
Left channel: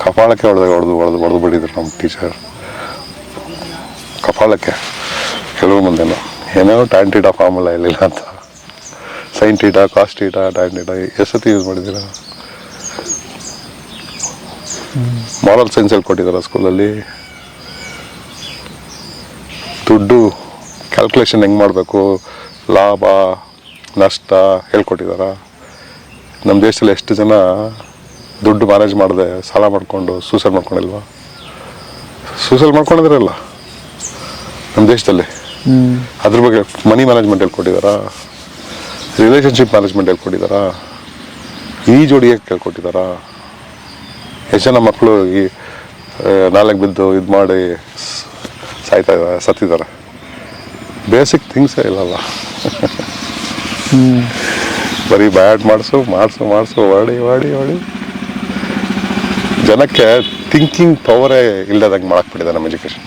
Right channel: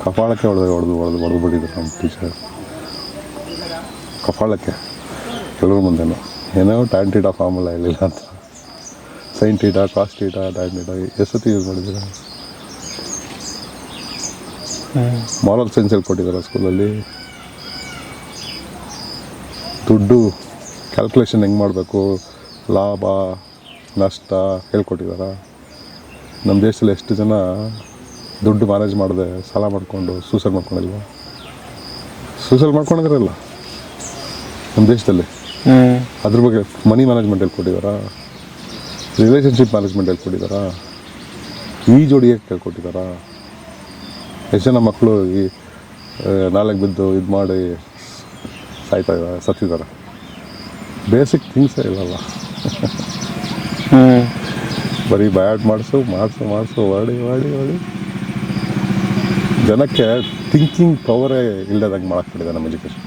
ಕಪಾಳಕ್ಕೆ ಹೊಡೆದು ಬಿಟ್ಟಿದ್ರು ನಮ್ಮ ಟೀಚರ್. ಕಪಾಳಕ್ಕೆ ಕೆಲವು ಮುಂದೆನೋ ಏನೇನೋ ಟ್ಯಾನ್ ಟೀಟಾ ಫಾರ್ಮುಲಾ ಇರಲಿಲ್ಲ ಅಂತ. Sine theta, cost theta, tan theta ಎಷ್ಟು ಸತಿ ಯೂಸ್ ಮಾಡಿದ್ದೀರಾ? ಮಾರಲ್ ಸೈನ್ಸಲ್ಲಿ ಕೊಟ್ಟಿದ್ದಾರೆ ಸ್ಕೂಲಲ್ಲಿ. ದುಡ್ಡು ಕ್ಯಾಲ್ಕುಲೇಷನ್ ಹೆಂಗೆ ಮಾಡಬೇಕು, ಲಾಭ ನಷ್ಟ ಹೇಳ್ಕೊಟ್ಟಿದ್ದಾರ? ನಮ್ಮ ದೇಶದಲ್ಲಿ ಎಷ್ಟು ಜನ ದುಡ್ಡು ಮ್ಯಾನೇಜ್ ಮಾಡದೆ ಸಾಲ ಮಾಡಿಕೊಂಡು ಸೂಸೈಡ್ ಮಾಡ್ಕೊಂಡಿಲ್ವಾ? ಸೂಸೈಡ್ ಮಾಡ್ಕೊಂಡಿದ್ರಲ್ಲ ನಮ್ಮ ದೇಶದಲ್ಲಿ. ಅದ್ರ ಬಗ್ಗೆ ಮನಿ ಮ್ಯಾನೇಜ್ಮೆಂಟ್ ಹೇಳ್ಕೊಟ್ಟಿದ್ದಾರಾ, ರಿಲೇಷನ್ಶಿಪ್ ಮ್ಯಾನೇಜ್ಮೆಂಟ್ ಹೇಳ್ಕೊಟ್ಟಿದ್ದಾರಾ, ಈ ಜೋಡಿ ಹೇಗೆ ಕೇಳ್ಕೊಟ್ಟಿದ್ದಾರಾ? ಎಷ್ಟು ಜನ ಮಕ್ಕಳು ಈ ನಾಲ್ಕು ಬಿದ್ದು ಇದು ಮಾಡಿ ಸತ್ತಿದ್ದಾರೆ. ಬೇಸಿಕ್ ಥಿಂಗ್ಸೇ ಇಲ್ಲಲ್ಲ. ಬರೀ ಬ್ಯಾಡ್ ಮಾಡಿಸು ಮಾಡಿ ಜನಕ್ಕೆ ಥಿಂಕಿಂಗ್ ಪವರೇ ಇಲ್ಲದಂಗೆ ಮಾಡಕ್ಬಿಟ್ಟಿದೆ ನಮ್ಮ ಎಜುಕೇಶನ್.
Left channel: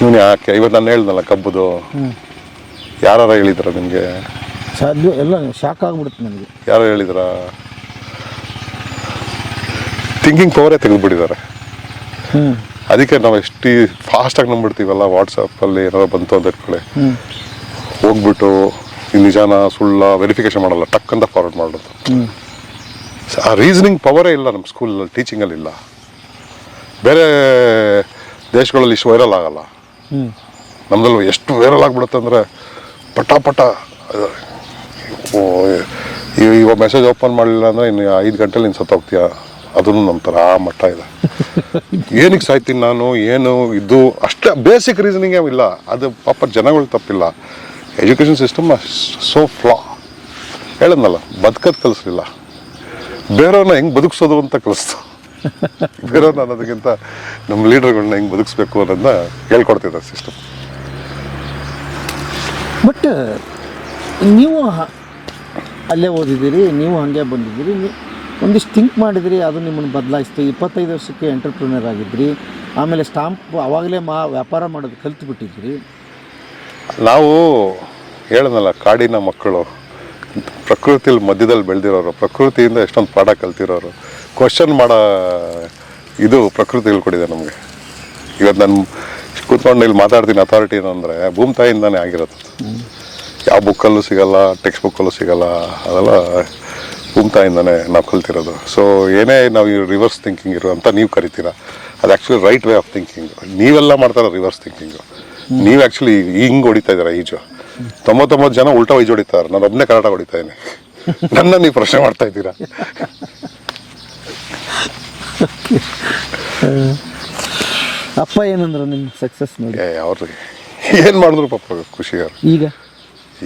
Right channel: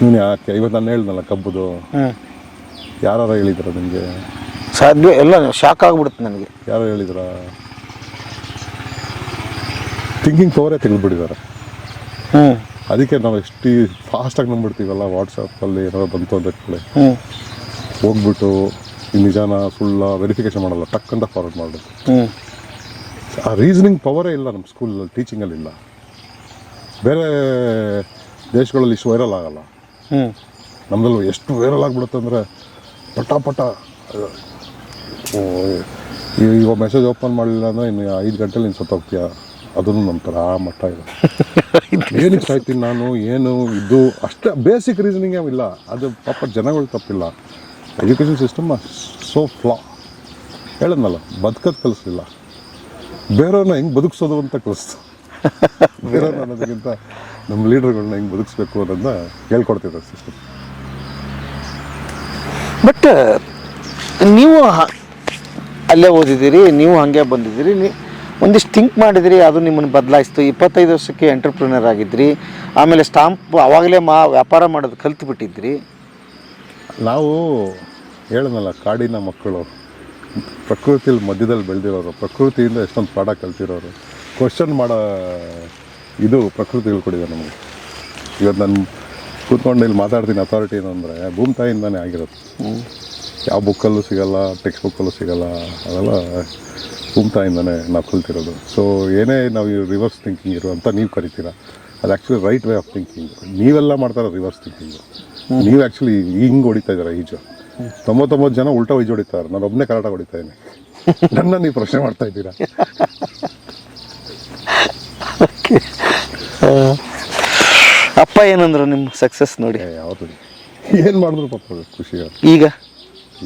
ಇವನು ಯಾಕೆ ಇವತ್ತು ನಾನು ಹೇಳ್ದಲ್ಲ ಕಬ್ಬುದು, ಯಾರು ಹೇಳಿದ್ರ ನಿಮಗೆ? ಸಾಧ್ಯ ಎಲ್ಲ ಶಾಕ್ ಆಗ್ಬಿಡುತ್ತೆ ನನಗೆ. ಯಾರು ಹೇಳಿದ್ರ? ಥಿಂಕಿಂಗ್ ಪವರೇ ತೆಗೆದುಬಿಟ್ಟಿದ್ದಾರೆ. ಅದಕ್ಕೆ ನಾವು ಎಷ್ಟು ಫಾಸ್ಟಾಗಿ ನಂಬಿಡ್ತೀವಲ್ಲ, ವಾಟ್ಸಪ್ಪಲ್ಲಿ ಏನಾದ್ರು ಬಂತು ಅಂತ ಇಟ್ಕೊಳ್ಳಿ, ಹೋಗ್ಬಿಟ್ಟು ಈ ನಿಜಾನ ಸುಳ್ಳ ವೆರಿಫಿಕೇಶನ್ ಮಾಡಲ್ಲ, ಟಕ್ ಅಂತ ಫಾರ್ವರ್ಡ್ ಮಾಡೋದು. ಆ ರೀಸನಿಂಗ್ ಪವರೇ ಇಲ್ಲ ನಮ್ಮ ಸ್ಕೂಲಲ್ಲಿ, ಟೀಚಿಂಗಲ್ಲಿ ಇಲ್ಲ. ಬೇರೆ ದೇಶಗಳಲ್ಲಿ ಇಷ್ಟು ವೈರಲ್ ಆಗಲ್ಲ, ನಮ್ದಲ್ಲಿ ಎಷ್ಟು ವೈರಲ್ ಆಗಿಬಿಡುತ್ತೆ ಅಂದರೆ ಪಟ ಇವಾಗ ಮೆಸೇಜ್ ಓಪನ್ ಮಾಡಲಿಲ್ಲ ಅಂದರೆ ಇನ್ನು 5 ಗಂಟೆಲಿ ನೀನು ಸತ್ತೋಗ್ತೀಯ, ಅದನ್ನು ನಂಬ್ತಾರೆ. ಆ ಮಟ್ಟ ಇದೆ. ಏನಕ್ಕೆ ಸಾಯ್ತೀನಿ ನಾನು, ಏನು ಇದು ಅಷ್ಟೇ ಬೇಸಿಕ್ ರೀಸನಿಂಗೇ ಇಲ್ಲ. ಅದು ಪಾಪ ಜನಗಳು ತಪ್ಪಿಲ್ಲ. ಎಜುಕೇಷನ್ ಸಿಸ್ಟಮ್ ಸೋ ಫ್ಲಾ. ಹೇಳಿದ್ನಲ್ಲ, ಬದುಕೋದು ಕಲಿಸ್ಲಿಲ್ಲ, ಬೇರೆಯವ್ರನ್ನ ಹೆಂಗೆ ಬದುಕಿಸೋದು ಅಂತ ಕಲಿಸ್ತು. ಬೇರೆಯವ್ರನ್ನ ಅನ್ನೋದಕ್ಕಿಂತ ನಮ್ಮ ಲೀಡರ್ಗಳನ್ನ ಹೆಂಗೆ ಬದುಕಿಸ್ಬೇಕು ಅನ್ನೋದನ್ನ ಹೇಳ್ಕೊಡ್ತಿದ್ದಾರೆ ಸಿಸ್ಟಮ್. ಬಟ್ ನೀವು ಅಲ್ಲೇ ಓದಿದ್ದೀರಿ, ನೀವು ಹಾಗೆ ಬಂದಿದ್ದೀರಿ, ಒಂದಿಷ್ಟು ಥಿಂಕ್ ಮಾಡಿದಿರಿ, ಅದು ನಿಮ್ಮನ್ನು ಬದಲಾಯಿಸ್ತು. 25 ವರ್ಷಕ್ಕೆ ಎಂಟರ್ಪ್ರಿನರ್ ಆಗಿದ್ರಿ, ಆಮೇಲೆ ಸ್ಟಾಂಪ್ ಆವಾಗಲೇ ವ್ಯಾಪಾರ ಮಾಡೋದು ಕಲ್ತು ಬಿಟ್ಟಿದ್ರಿ. ನಾವು ಹೇಳೋದಲ್ಲ, ಕಾಡಿನ ಮಕ್ಕಳು, ಪ್ರಕೃತಿಯಲ್ಲಿ ಮಧ್ಯದಲ್ಲಿ ಬೆಳೆದಿರೋರು, ಪ್ರಕೃತಿಯಿಂದ ಎಷ್ಟೊಂದು ಪಾಠ ಕಲ್ತಿರೋರು, ಕ್ವಶನ್ ಮಾಡೋ ಇದು ಪ್ರಕೃತಿ ಹೇಳ್ಕೊಟ್ಟಿದೆ ನಮಗೆ. ಇವತ್ತು ನಾನು ಕೂತ್ಕೊಂಡು ಇಲ್ಲಿ ಮಾತಾಡ್ತೀನಿ, ಅಥಾರಿಟಿ ಏನು ಅಂದರೆ ಭೂಮಿ ತಾಯಿಯಿಂದಾನೇ ಆಗಿರುತ್ತೆ. ಯಾವ ಬುಕ್ಕಲ್ಲೂ ಸಿಗಲ್ಲ, ಟೆಕ್ಸ್ಟ್ ಬುಕ್ಕಲ್ಲೂ ಸಿಗಲ್ಲ, ಅದೆಲ್ಲ ಭೂಮಿ ತಾಯಿಯಿಂದಾನೇ ನಾವು ಕಲ್ತಿರೋದು. ಸೊ ಏನೇ ನಾವು ಈ ರಿವರ್ಸ್ ಥಿಂಕಿಂಗ್ ಇರೋ ಅಂತ ನೀವು ಕರಿತೀರಾ, ಅದು actually right way of thinking. ನೀವೆಲ್ಲ ಮಾಡ್ತಾರೋ ರಿವರ್ಸ್ ಥಿಂಕಿಂಗು. ನೀವು ಆ್ಯಕ್ಚುಲಿ ಹಿಂಗೆ ಹೊಡಿತಾ ಇದ್ದೀರಾ ಈಜು. 99 ಜನ ಉಲ್ಟಾ ಈಜು ಹೊಡಿತಾರೆ, ನಾನು ಒಬ್ಬನೇ ಕರಾಟ ಹೊಡಿತಾ ಇದ್ದೀನಿ. ನನ್ನ ನೀವು ಪ್ರಶ್ನೆ ಮಾಡ್ತಾ ಇದ್ದೀರಾ. ಅಪ್ಪ ಏನಂದ್ರು ನಿಮ್ಮ ಸಕ್ಸಸ್ ನೋಡಿ? ಅವ್ರಿಗೆ ಏನು ಮಾಡಿದ್ರು ಪಾಪ ಖುಷಿಗಾರ.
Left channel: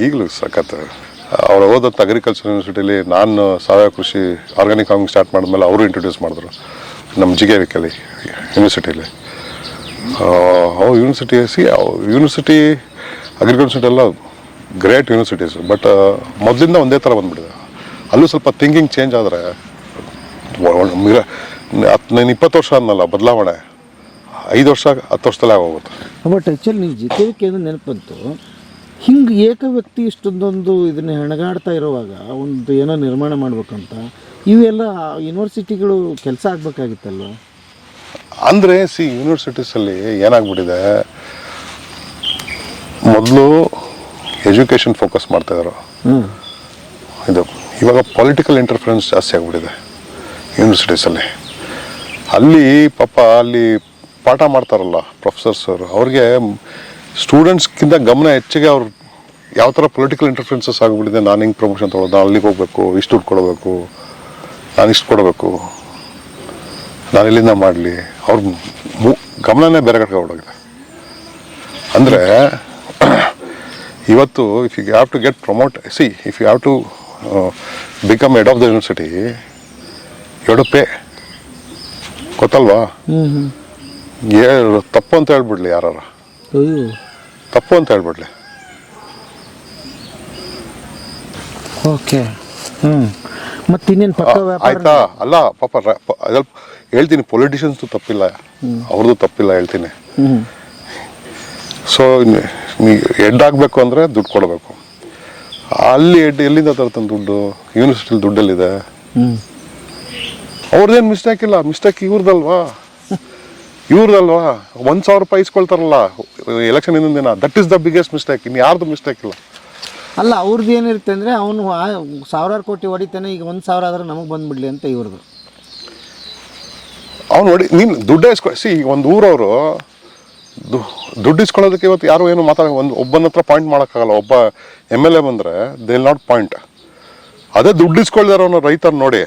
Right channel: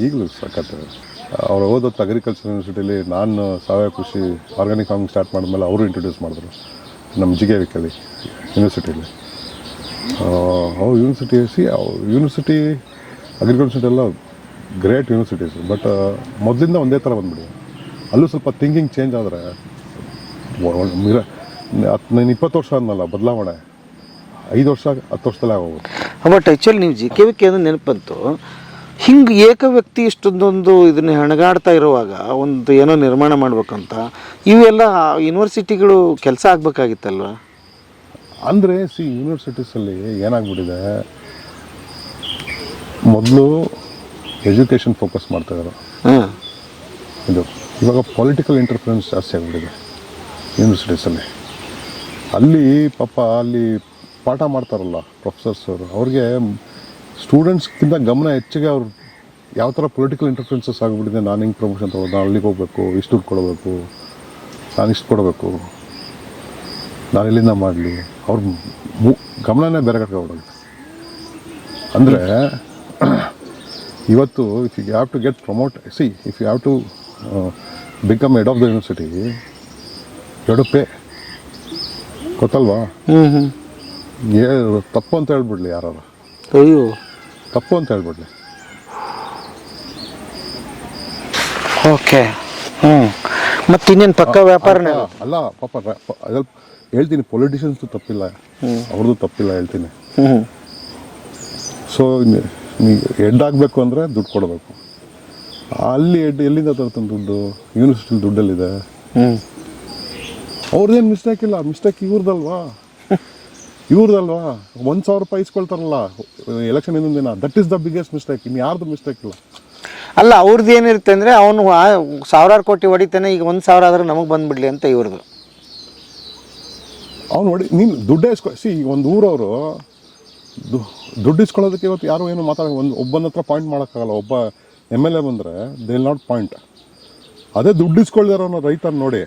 ಈಗಲೂ ಸಖತ್. ಅವ್ರು ಓದೋದು ಅಗ್ರಿಕಲ್ಚರ್ ಯೂನಿವರ್ಸಿಟಿಲಿ, ನಾನು ಸಾವಯವ ಕೃಷಿ ಆರ್ಗ್ಯಾನಿಕ್ ಫಾರ್ಮಿಂಗ್ ಸ್ಟಾರ್ಟ್ ಮಾಡಿದ್ಮೇಲೆ ಅವರು ಇಂಟ್ರೊಡ್ಯೂಸ್ ಮಾಡಿದ್ರು ನಮ್ಮ ಜಿಗೇವಿಕಲ್ಲಿ ಯೂನಿವರ್ಸಿಟಿಲಿ. ಯೂನಿವರ್ಸಿಟಿ ಅಗ್ರಿಕಲ್ಚರ್ ಎಲ್ಲ ಗ್ರೇಟ್ ಯೂನಿವರ್ಸಿಟೀಸ್. ಬಟ್ ಮೊದಲಿಂದ ಒಂದೇ ಥರ ಬಂದ್ಬಿಡಿದೆ. ಅಲ್ಲೂ ಸ್ವಲ್ಪ ಥಿಂಕಿಂಗ್ ಚೇಂಜ್ ಆದರೆ 20 ವರ್ಷ ಅನ್ನಲ್ಲ ಬದಲಾವಣೆ, 5 ವರ್ಷ 10 ವರ್ಷದಲ್ಲೇ ಆಗೋಗುತ್ತೆ. ಬಟ್ ಆ್ಯಕ್ಚುಲಿ ನೀವು JKVK ಅನ್ನೋದು ನೆನಪಂತು. ಹಿಂಗೆ ಏಕ ವ್ಯಕ್ತಿ ಇಷ್ಟೊಂದೊಂದು ಇದನ್ನ ಹೆಣಗಾಡ್ತಾ ಇರುವಾಗ ಒಂದು ಏನೋ ನಿರ್ಮಾಣ ಮಾಡ್ಬೇಕಂತ ಇವೆಲ್ಲ ಯೂನಿವರ್ಸಿಟಿಗಳು ಕೆಲಸ ಆಗಬೇಕಾಗಿತ್ತಲ್ವ? ಅಂದರೆ ಯೂನಿವರ್ಸಿಟೀಸಲ್ಲಿ ಏನಾಗ್ಬಿಟ್ಟಿದೆ, ಮೊದಲು ಎಜುಕೇಷನ್ ಫೋಕಸ್ ಮಾಡ್ತಾಯಿದ್ರು, ಇದು ಇವಾಗ ಪೊಲಿಟಿಕಲ್ ಇಂಟರ್ಫರೆನ್ಸ್ ಜಾಸ್ತಿ ಆಗಿಬಿಟ್ಟಿದೆ ಯೂನಿವರ್ಸಿಟೀಸಲ್ಲಿ. ಅಲ್ಲಿ ಪಾಪ ಅಲ್ಲಿ ಪಾಠ ಮಾಡ್ತಾರಲ್ಲ ಪ್ರೊಫೆಸರ್ಸ್ ಅವರು, ಅವ್ರಿಗೆ ಸ್ಟೂಡೆಂಟ್ಸ್ಗಿಂತ ಗಮನ ಹೆಚ್ಚಿಗೆ ಅವ್ರು ಯಾವ ಥರ ಪೊಲಿಟಿಕಲ್ ಇಂಟರ್ಫರೆನ್ಸಸ್ ಆಗಿಬಿಟ್ಟಿದೆ. ನಾನು ಹಿಂಗೆ ಪ್ರಮೋಷನ್ ತೊಗೊಳೋದು, ನಾನು ಅಲ್ಲಿಗೆ ಹೋಗಬೇಕು, ಇಷ್ಟು ದುಡ್ಡು ಕೊಡಬೇಕು, ನಾನು ಇಷ್ಟು ಕೊಡಬೇಕು, ನಾನು ಇಲ್ಲಿಂದ ಮಾಡಲಿ, ಅವ್ರ ಗಮನನೇ ಬೇರೆ ಕಡೆ ಹೊರಟೋಗಿದೆ. ಅಂದರೆ ಇವತ್ತು if you have to get promote, if you have to become head of the university, you to pay. ಗೊತ್ತಲ್ವಾ? ತಪ್ಪು ಅಂತ ಹೇಳ್ಬಿಡ್ಲಿ ಯಾರು, ಅಯ್ಯೋ ತಪ್ಪು ಅಂತ ಹೇಳ್ಬಿಡ್ಲಿ. ಓಕೆ. ಮತ್ತೆ ಇನ್ನೇನು ಪಕ್ಕ ವ್ಯಾಪಾರ ಅಲ್ಲ ಪಾಪ. ಅದ್ರಲ್ಲಿ ಹೇಳ್ತೀನಿ, ಪೊಲಿಟಿಷಿಯನ್ಸ್ದು ತಪ್ಪಿಲ್ಲ, ಅವ್ರದ್ದು ತಪ್ಪಿಲ್ಲ ಹೇಳ್ತೀನಿ. ಸೊ ಹೆಡ್ ಆಗಬೇಕು ಅಂದರೆ ದುಡ್ಡು ಕೊಡಬೇಕು. ಅಲ್ಲಿ ಹೆಡ್ ಎಲ್ಲಿಂದ ತರ್ತಾನೆ ದುಡ್ಡು? ಯೂನಿವರ್ಸಿಟಿಲಿ ದುಡ್ಡಲ್ಲಿದೆ. ಅವ್ರದ್ದೇನು ಮಿಸ್ಟೇಕ್ ಇಲ್ಲ, ಮಿಸ್ಟೇಕ್ ಇವ್ರದಲ್ವಾ? 1,000 ರೂಪಾಯಿ ಇಸ್ಕೊಳ್ತಾರಲ್ಲ ಎಲೆಕ್ಷನ್ ಇನ್ನೊಂದು ದಿನ, that is the biggest mistake. ಇನ್ನು ಯಾರ್ದು ಮಿಸ್ಟೇಕ್ ಇಲ್ಲ. ಅಲ್ಲ, ಅವ್ರದ್ದು ಏನಿರುತ್ತೆ ಅಂದರೆ ಅವನು 1,000 ಕೋಟಿ ಹೊಡಿತಾನೆ, ಈಗ 1,000 ಆದ್ರೆ ನಮಗೆ ಬಂದ್ಬಿಡ್ಲಿ ಅಂತ ಇವ್ರದ್ದು. ಅವ್ನು ನೋಡಿ, ನೀನು ದುಡ್ಡೇ ಒಂದು ಊರವರು ದುಡ್ಡು ಇಸ್ಕೊಳ್ಳೋದಕ್ಕೆ ಇವತ್ತು ಯಾರು ಏನು ಒಬ್ಬನ ಹತ್ರ ಪಾಯಿಂಟ್ ಮಾಡೋಕ್ಕಾಗಲ್ಲ. ಒಬ್ಬ MLA ಬಂದರೆ ದೇ ವಿಲ್ ನಾಟ್ ಪಾಯಿಂಟ್. ಅದೇ ದುಡ್ಡು ಇಸ್ಕೊಳ್ದಾರ ಅವನು ರೈತರ ನೋಡಿ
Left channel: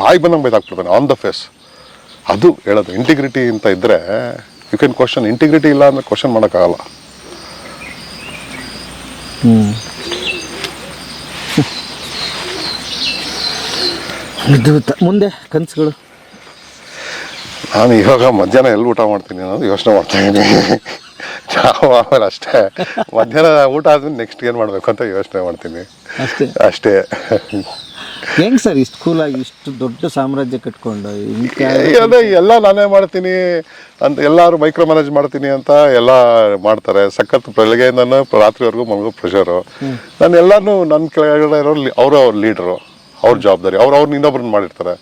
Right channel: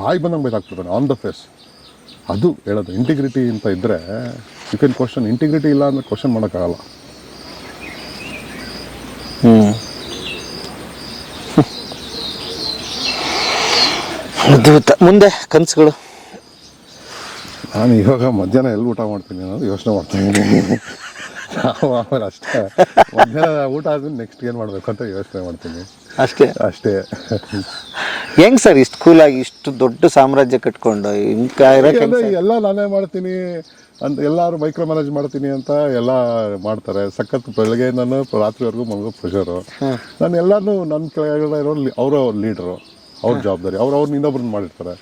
ಬಾಯಿ ಬಂದಂಗೆ ಬೈದಾಕ್ಬಿಡ್ತಾನೆ ಆನ್ ದ ಫೇಸ್. ಅದು ಹೇಳೋದು ಇಂಟಿಗ್ರಿಟಿ ಅಂತ ಇದ್ದರೆ ಯು ಕ್ಯಾನ್ ಕ್ವಶನ್. ಇಂಟಿಗ್ರಿಟಿ ಇಲ್ಲ ಅಂದರೆ ಕ್ವಶನ್ ಮಾಡೋಕ್ಕಾಗಲ್ಲ. ಅದ್ಭುತ. ಮುಂದೆ ಕನಸುಗಳು? ನಾನು ಇವಾಗ ಮಧ್ಯಾಹ್ನ ಎಲ್ಲಿ ಊಟ ಮಾಡ್ತೀನಿ ಅನ್ನೋದು ಯೋಚನೆ ಮಾಡ್ತಾ ಇದ್ದೀನಿ. ನಾವು ಆಮೇಲೆ ಅಷ್ಟೇ ಮಧ್ಯಾಹ್ನ ಊಟ ಆದ್ಮೇಲೆ ನೆಕ್ಸ್ಟ್ ಏನು ಮಾಡಬೇಕು ಅಂತ ಯೋಚನೆ ಮಾಡ್ತೀನಿ ಅಷ್ಟೇ. ಅಷ್ಟೇ. ಹೆಂಗ್ ಸರ್ ಇಷ್ಟು ಕೂಲಾಗಿ ಇಷ್ಟು ದೊಡ್ಡ ಸಾಮ್ರಾಜ್ಯ ಕಟ್ಕೊಂಡು ಎಲ್ಲ ನಾನೇ ಮಾಡ್ತೀನಿ ಅಂತ ಎಲ್ಲರೂ ಮೈಕ್ರೋ ಮ್ಯಾನೇಜ್ ಮಾಡ್ತೀನಿ ಅಂತ ಎಲ್ಲ ಮಾಡ್ತಾರೆ. ಸಖತ್ ಬೆಳಗ್ಗೆಯಿಂದನೂ ರಾತ್ರಿವರೆಗೂ ಮಲಗೋ ಪ್ರೆಷರು. ನಾನು ಎಲ್ಲಾನು ನನ್ನ ಕೆಳಗಡೆ ಇರೋರು ಅವ್ರ ಲೀಡ್ರು, ಅವ್ರ ಜವಾಬ್ದಾರಿ, ಅವ್ರನ್ನ ಇನ್ನೊಬ್ರನ್ನ ಮಾಡಿರ್ತಾರೆ.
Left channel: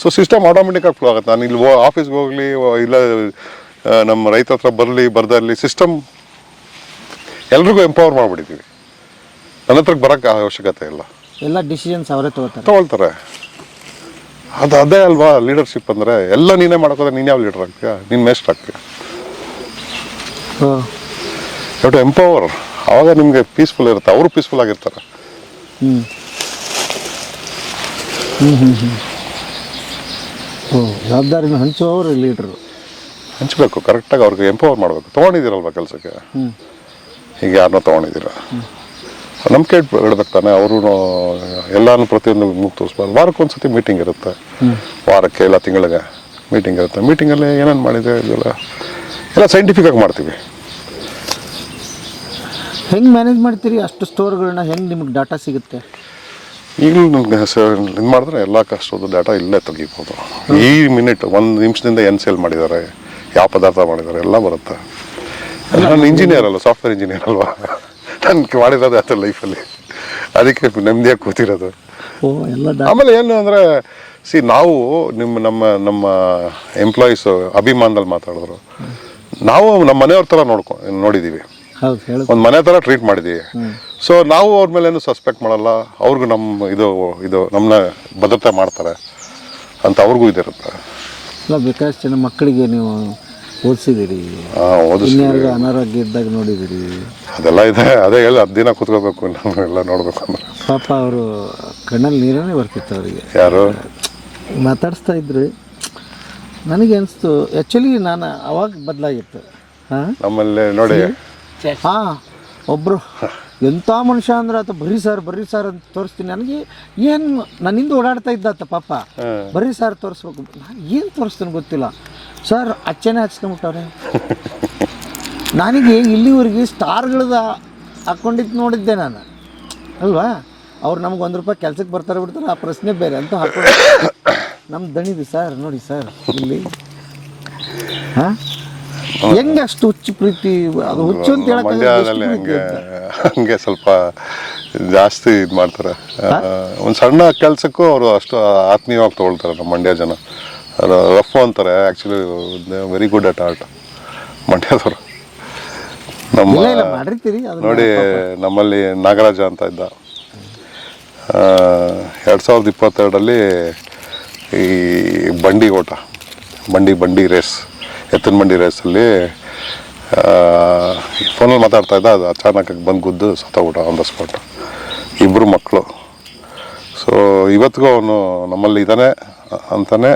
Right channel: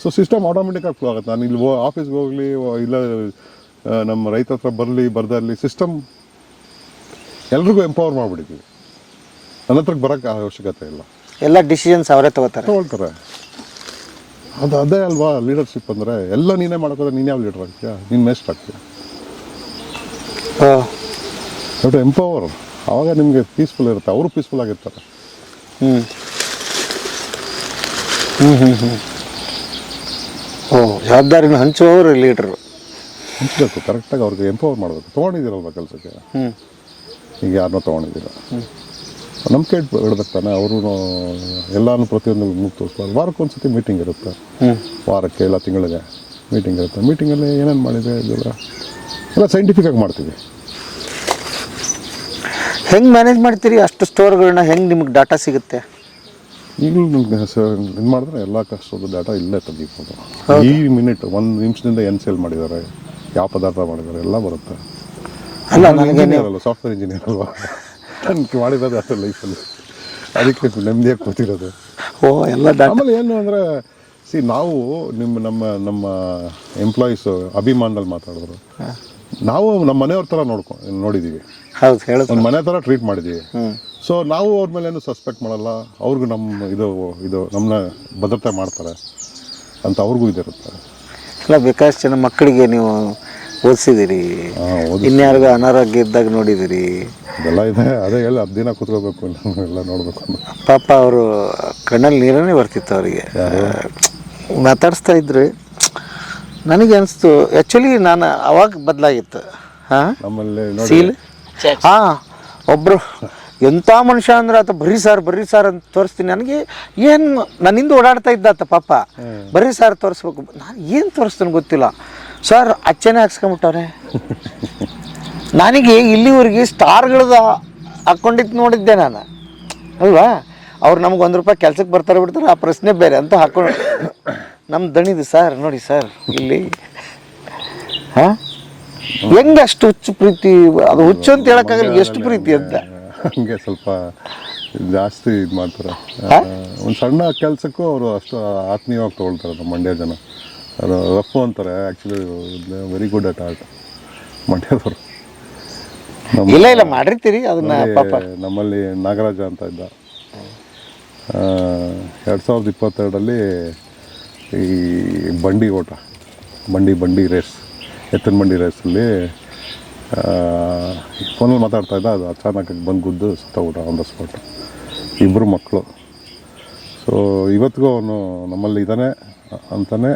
ಸೊ ಸಿಸ್ಟಮ್ ಆಟೋಮೆಟಿಕಾಗಿ ಫ್ಲೋ ಆಗುತ್ತೆ. ನಾನು ಇಲ್ಲಿ ಆಫೀಸ್ಗೆ ಹೋಗಲಿ ಇಲ್ಲ ನಮ್ಮ ರೈತ ಹತ್ರ ಬರಲಿ ಬರ್ದಲ್ಲಿ ಸಿಸ್ಟಮ್ ಎಲ್ರಿಗೂ ಎಂಪವರ್ ಮಾಡಿಬಿಟ್ಟಿದ್ದೀವಿ. ನನ್ನ ಹತ್ರಕ್ಕೆ ಬರೋಕ್ಕೆ ಅವಶ್ಯಕತೆ ಇಲ್ಲ. ಎಲ್ಲ ಡಿಸಿಷನ್ಸ್ ಅವರೇ ತಗೊಳ್ತಾರೆ. ಅದೇ ಅಲ್ವಾ ಲೀಡರ್ಶಿಪ್ ಅಂದರೆ. ಎಲ್ಲ ನೀನೇ ಮಾಡೋಕ್ಕೋದ್ರೆ ನೀನು ಯಾವ ಲೀಡರ್ ಆಗ್ತೀಯ? ನೀನು ಮೇಸ್ಟ್ ಆಗ್ತೀಯ. To empower. ಆವಾಗ ನಿಮಗೆ ಪೀಸ್ಫುಲ್ ಇರುತ್ತೆ, ಅವರು ಪೀಸ್ಫುಲ್ ಆಗಿರ್ತಾರೆ. ಜವಾಬ್ದಾರಿನ ಹಂಚುವವರು ಲೀಡರು. ಹಂಚಬೇಕು, ಕರೆಕ್ಟಾಗಿ ಅವ್ರಿಗೆ ಎಂಪವರ್ ಮಾಡಬೇಕು. ತೊಗೊಂಡಿದ್ದೀರಲ್ವ ಕೆಲಸಕ್ಕೆ, ಈಗ ಯಾರನ್ನೋ ತೊಗೊಂಡಿದ್ದೀರ, ನಂಬಿಕೆ ಇಡ್ಬೇಕು ತಾನೆ. ಅವರು ಎಲ್ಲಾನು ಪ್ರತಿಯೊಂದು ಮುಗಿ ತೋರಿಸ್ಬಾರ್ದು. ವಾರಕ್ಕೊಂದ್ಸತಿ ಮೀಟಿಂಗ್ ಇರುತ್ತೆ, ವಾರಕ್ಕೆ ಇಲ್ಲ ತಿಂಗಳಿಗೆ ಮೀಟಿಂಗ್ ಇರುತ್ತೆ. ಮೀಟಿಂಗಲ್ಲಿ ಏನೇನು ಮಾಡಿದೆ ಎಲ್ಲ ಸೈಂಟಿಫಿಕಾಗಿ ಮಾಡ್ತೀವಿ. ಹೆಂಗೆ ಮ್ಯಾನೇಜ್ ಮಾಡ್ತೀರಿ ಅಷ್ಟು ಸ್ಟೋರ್ಗಳನ್ನ? ಹೆಂಗೆ ನಿಮಗೆ ಡಾಟಾ ಸಿಗುತ್ತೆ? ಈಗಲೂ ನನಗೆ ಇದು ಮಾಡಿದ್ರೆ ಎಲ್ಲ ಕಷ್ಟದ ಡಾಟಾ ಇಲ್ಲೇ ತೆಗಿಬೋದು. ಈ ಮಿನಿಟ್ 1 ನಿಮಿಷದಿಂದ ಏನು ಸೇಲ್ ಮಾಡಿದ್ದಾರೆ, ಯಾವ ಪದಾರ್ಥ ಮಾಡಿದ್ದಾರೆ ಎಲ್ಲ ಬರುತ್ತೆ. ನಾನು ಇಂಜಿನಿಯರ್ ಅಲ್ಲ, ಸಾಫ್ಟ್ವೇರ್ ಇಂಜಿನಿಯರ್ ಅಲ್ವಾ. ನನಗೆ ಮಾಡಿರೋದು ಅದು ಲೈಫಲ್ಲಿ, ಅದಕ್ಕೆ ನೆಮ್ಮದಿಯಾಗಿ ಕೂತಿರೋದು. ಎಲ್ಲ ಆಮೇಲೆ ಏನು ಅಂದರೆ ನಾವು ನಮ್ಮ ಎಂಪ್ಲಾಯೀಸು ಅಭಿಮಾನದಲ್ಲಿ ಮಾತಾಡಿದ್ರು. ನಾವು ನಮ್ಮ ಮನೆಯವ್ರ ಥರ ನೋಡಿದ್ದೀವಿ. ಹೌದು, ಹೇಳೋದು ಒಂದು ಮನೆ ಥರ ಟ್ರೀಟ್ ಮಾಡಿದ್ದೀವಿ. ಸೊ ನಾವು ಅವ್ರ ಮೇಲೆ ಏನು ಸಸ್ಪೆಕ್ಟ್ ಮಾಡಲ್ಲ. ಅವ್ರಿಗೂ ನಮ್ಮ ಇದು ನಮ್ಮನ್ನ ಭದ್ರತೆ ಮಾಡ್ತಾರೆ ಅಂತ ಅವ್ರಿಗೂ ಇದಿರುತ್ತೆ. ಇಲ್ಲ, ಬೇಕಾದಷ್ಟು ಜನ ಮಕ್ಕಳಿಗೆ ನೀವು ಓದಿಸಿದಿರಿ, ಇನ್ಯಾರಿಗೂ ಅನಾರೋಗ್ಯ ಇದ್ದಾಗ ನೋಡಿದಿರಿ. ಅದೆಲ್ಲ ಇದೆ. ಅದೇ ಹೇಳಿ 10 ದಿನ ಕೂತ್ಕೋಬೇಕು ನಾವೆಲ್ಲ ನೋಡ್ಬೇಕು ಅಂದ್ರೆ. ಪಾಪ ಅವರು ಕಣ್ಣಲ್ಲಿ ನೀರನ್ನೇ ಬರ್ತಿತ್ತು ಅವರಿಗೆ. ಯಾರು ಮಾತಾಡಿಸ್ತಾ ಇದ್ರು. ನನಗೆ ಅನಿಸ್ತು ಆ್ಯಕ್ಚುಲಿ ನಾನು ಅವಾಗ ಬದಲಾಗಿತ್ತು. ನಮ್ಮಲ್ಲಿ ನೋಡಿ, ಒಬ್ಬರು ಎಂಥ ಮನುಷ್ಯ ಅಂದ್ರೆ ಆತ ಬರ್ರಿ ಸಾರ್ ಅಂತ ತೋರಿಸ್ತೀನಿ. ನನಗೆ ಏನು ನನ್ನಿಂದ ಓಡಾಡ್ತಾ ಇದ್ದಾತ ಪಾಪ. ಬರ್ರಿ ಸಾರ್ ತೋರಿಸ್ಬೇಕು. ನಾನು ಏನು ತೋರಿಸ್ತೀನಿ ಗೊತ್ತಿಲ್ಲ. ಸರ್ ಅಚ್ಚನೆ ಹಾಕ್ಸ್ಕೊಂಬಿಟ್ಟವ್ರೆ. ನನಗೆ ಇಲ್ಲಿವರೆಗೆ ಸ್ಟಾರ್ಗಳದ ಹಾಕ್ಕೊಂಡಿದ್ದು ನೋಡಿದ್ದೆ ನಾನು ಅಲ್ವಾ. ಅವ್ರು ನಮ್ಗೆ ₹1 ಕೆಲ್ಸಕ್ಕೆ ಬರ್ತಾರೆ ಬಿಡ್ತಾರೆ, ಆ ಪ್ರಶ್ನೆ ಬೇರೆ ಅಂತ ಹಾಕೊಂಡು ನಮ್ಮ ದಣಿದು ಸರ್ ನೋಡಿ ಸರ್ ಇಲ್ಲಿ ಹೆಂಗೆ ಅಷ್ಟು ಹುಚ್ಚು ಪ್ರೀತಿ. ಅದು ಹುಚ್ಚು ಅಂತ ಹೇಳಕ್ಕಾಗಲ್ಲ, ಎಷ್ಟು ಪ್ರೀತಿ ಅಂತ. ಹಂಗೆ ಸ್ವಲ್ಪ ಜಾಸ್ತಿ ಇದು ಮಾಡ್ತಾರೆ. ಒಂದು ಸಣ್ಣ ಕೆಲಸಕ್ಕೂ ಅವರು ಅಷ್ಟು ಆತ್ಮೀಯವಾಗಿ ತೊಗೊಳ್ತಾರೆ ನಮ್ಮ ಮಂಡ್ಯ ಜನ. ರಫ್ ಅಂತಾರೆ, actually very good at art ಮಂಡ್ಯದವರು. ಇಲ್ಲ ಮಾಡಿರ್ತೀರಿ ನೋಡಿ. ನಮ್ಮಲ್ಲಿ ನಾಗರಾಜ ಅಂತ ಇದ್ದ. 2022 ಈ ಬಂಡಿ ಓಟ, ಬಂಡಿ ರೇಸ್, ಎತ್ತಿನ ಬಂಡಿ ರೇಸಲ್ಲಿ ಫೋನಲ್ಲಿ ಮಾತಾಡ್ತಾ ಇದ್ದ. ಅದು ಅಚಾನಕ್ಕಾಗಿ ಬಂದು ಗುದ್ದು ಸತ್ತೋಗ್ಬಿಟ್ಟ ಆನ್ ದ ಸ್ಪಾಟ್. 2 ಮಕ್ಕಳು. ಸೊ ಇವತ್ತಿಗೂ ಅವನು ನಮ್ಮಲ್ಲಿ ಇದ್ದಾನೆ ಅಂತಾನೆ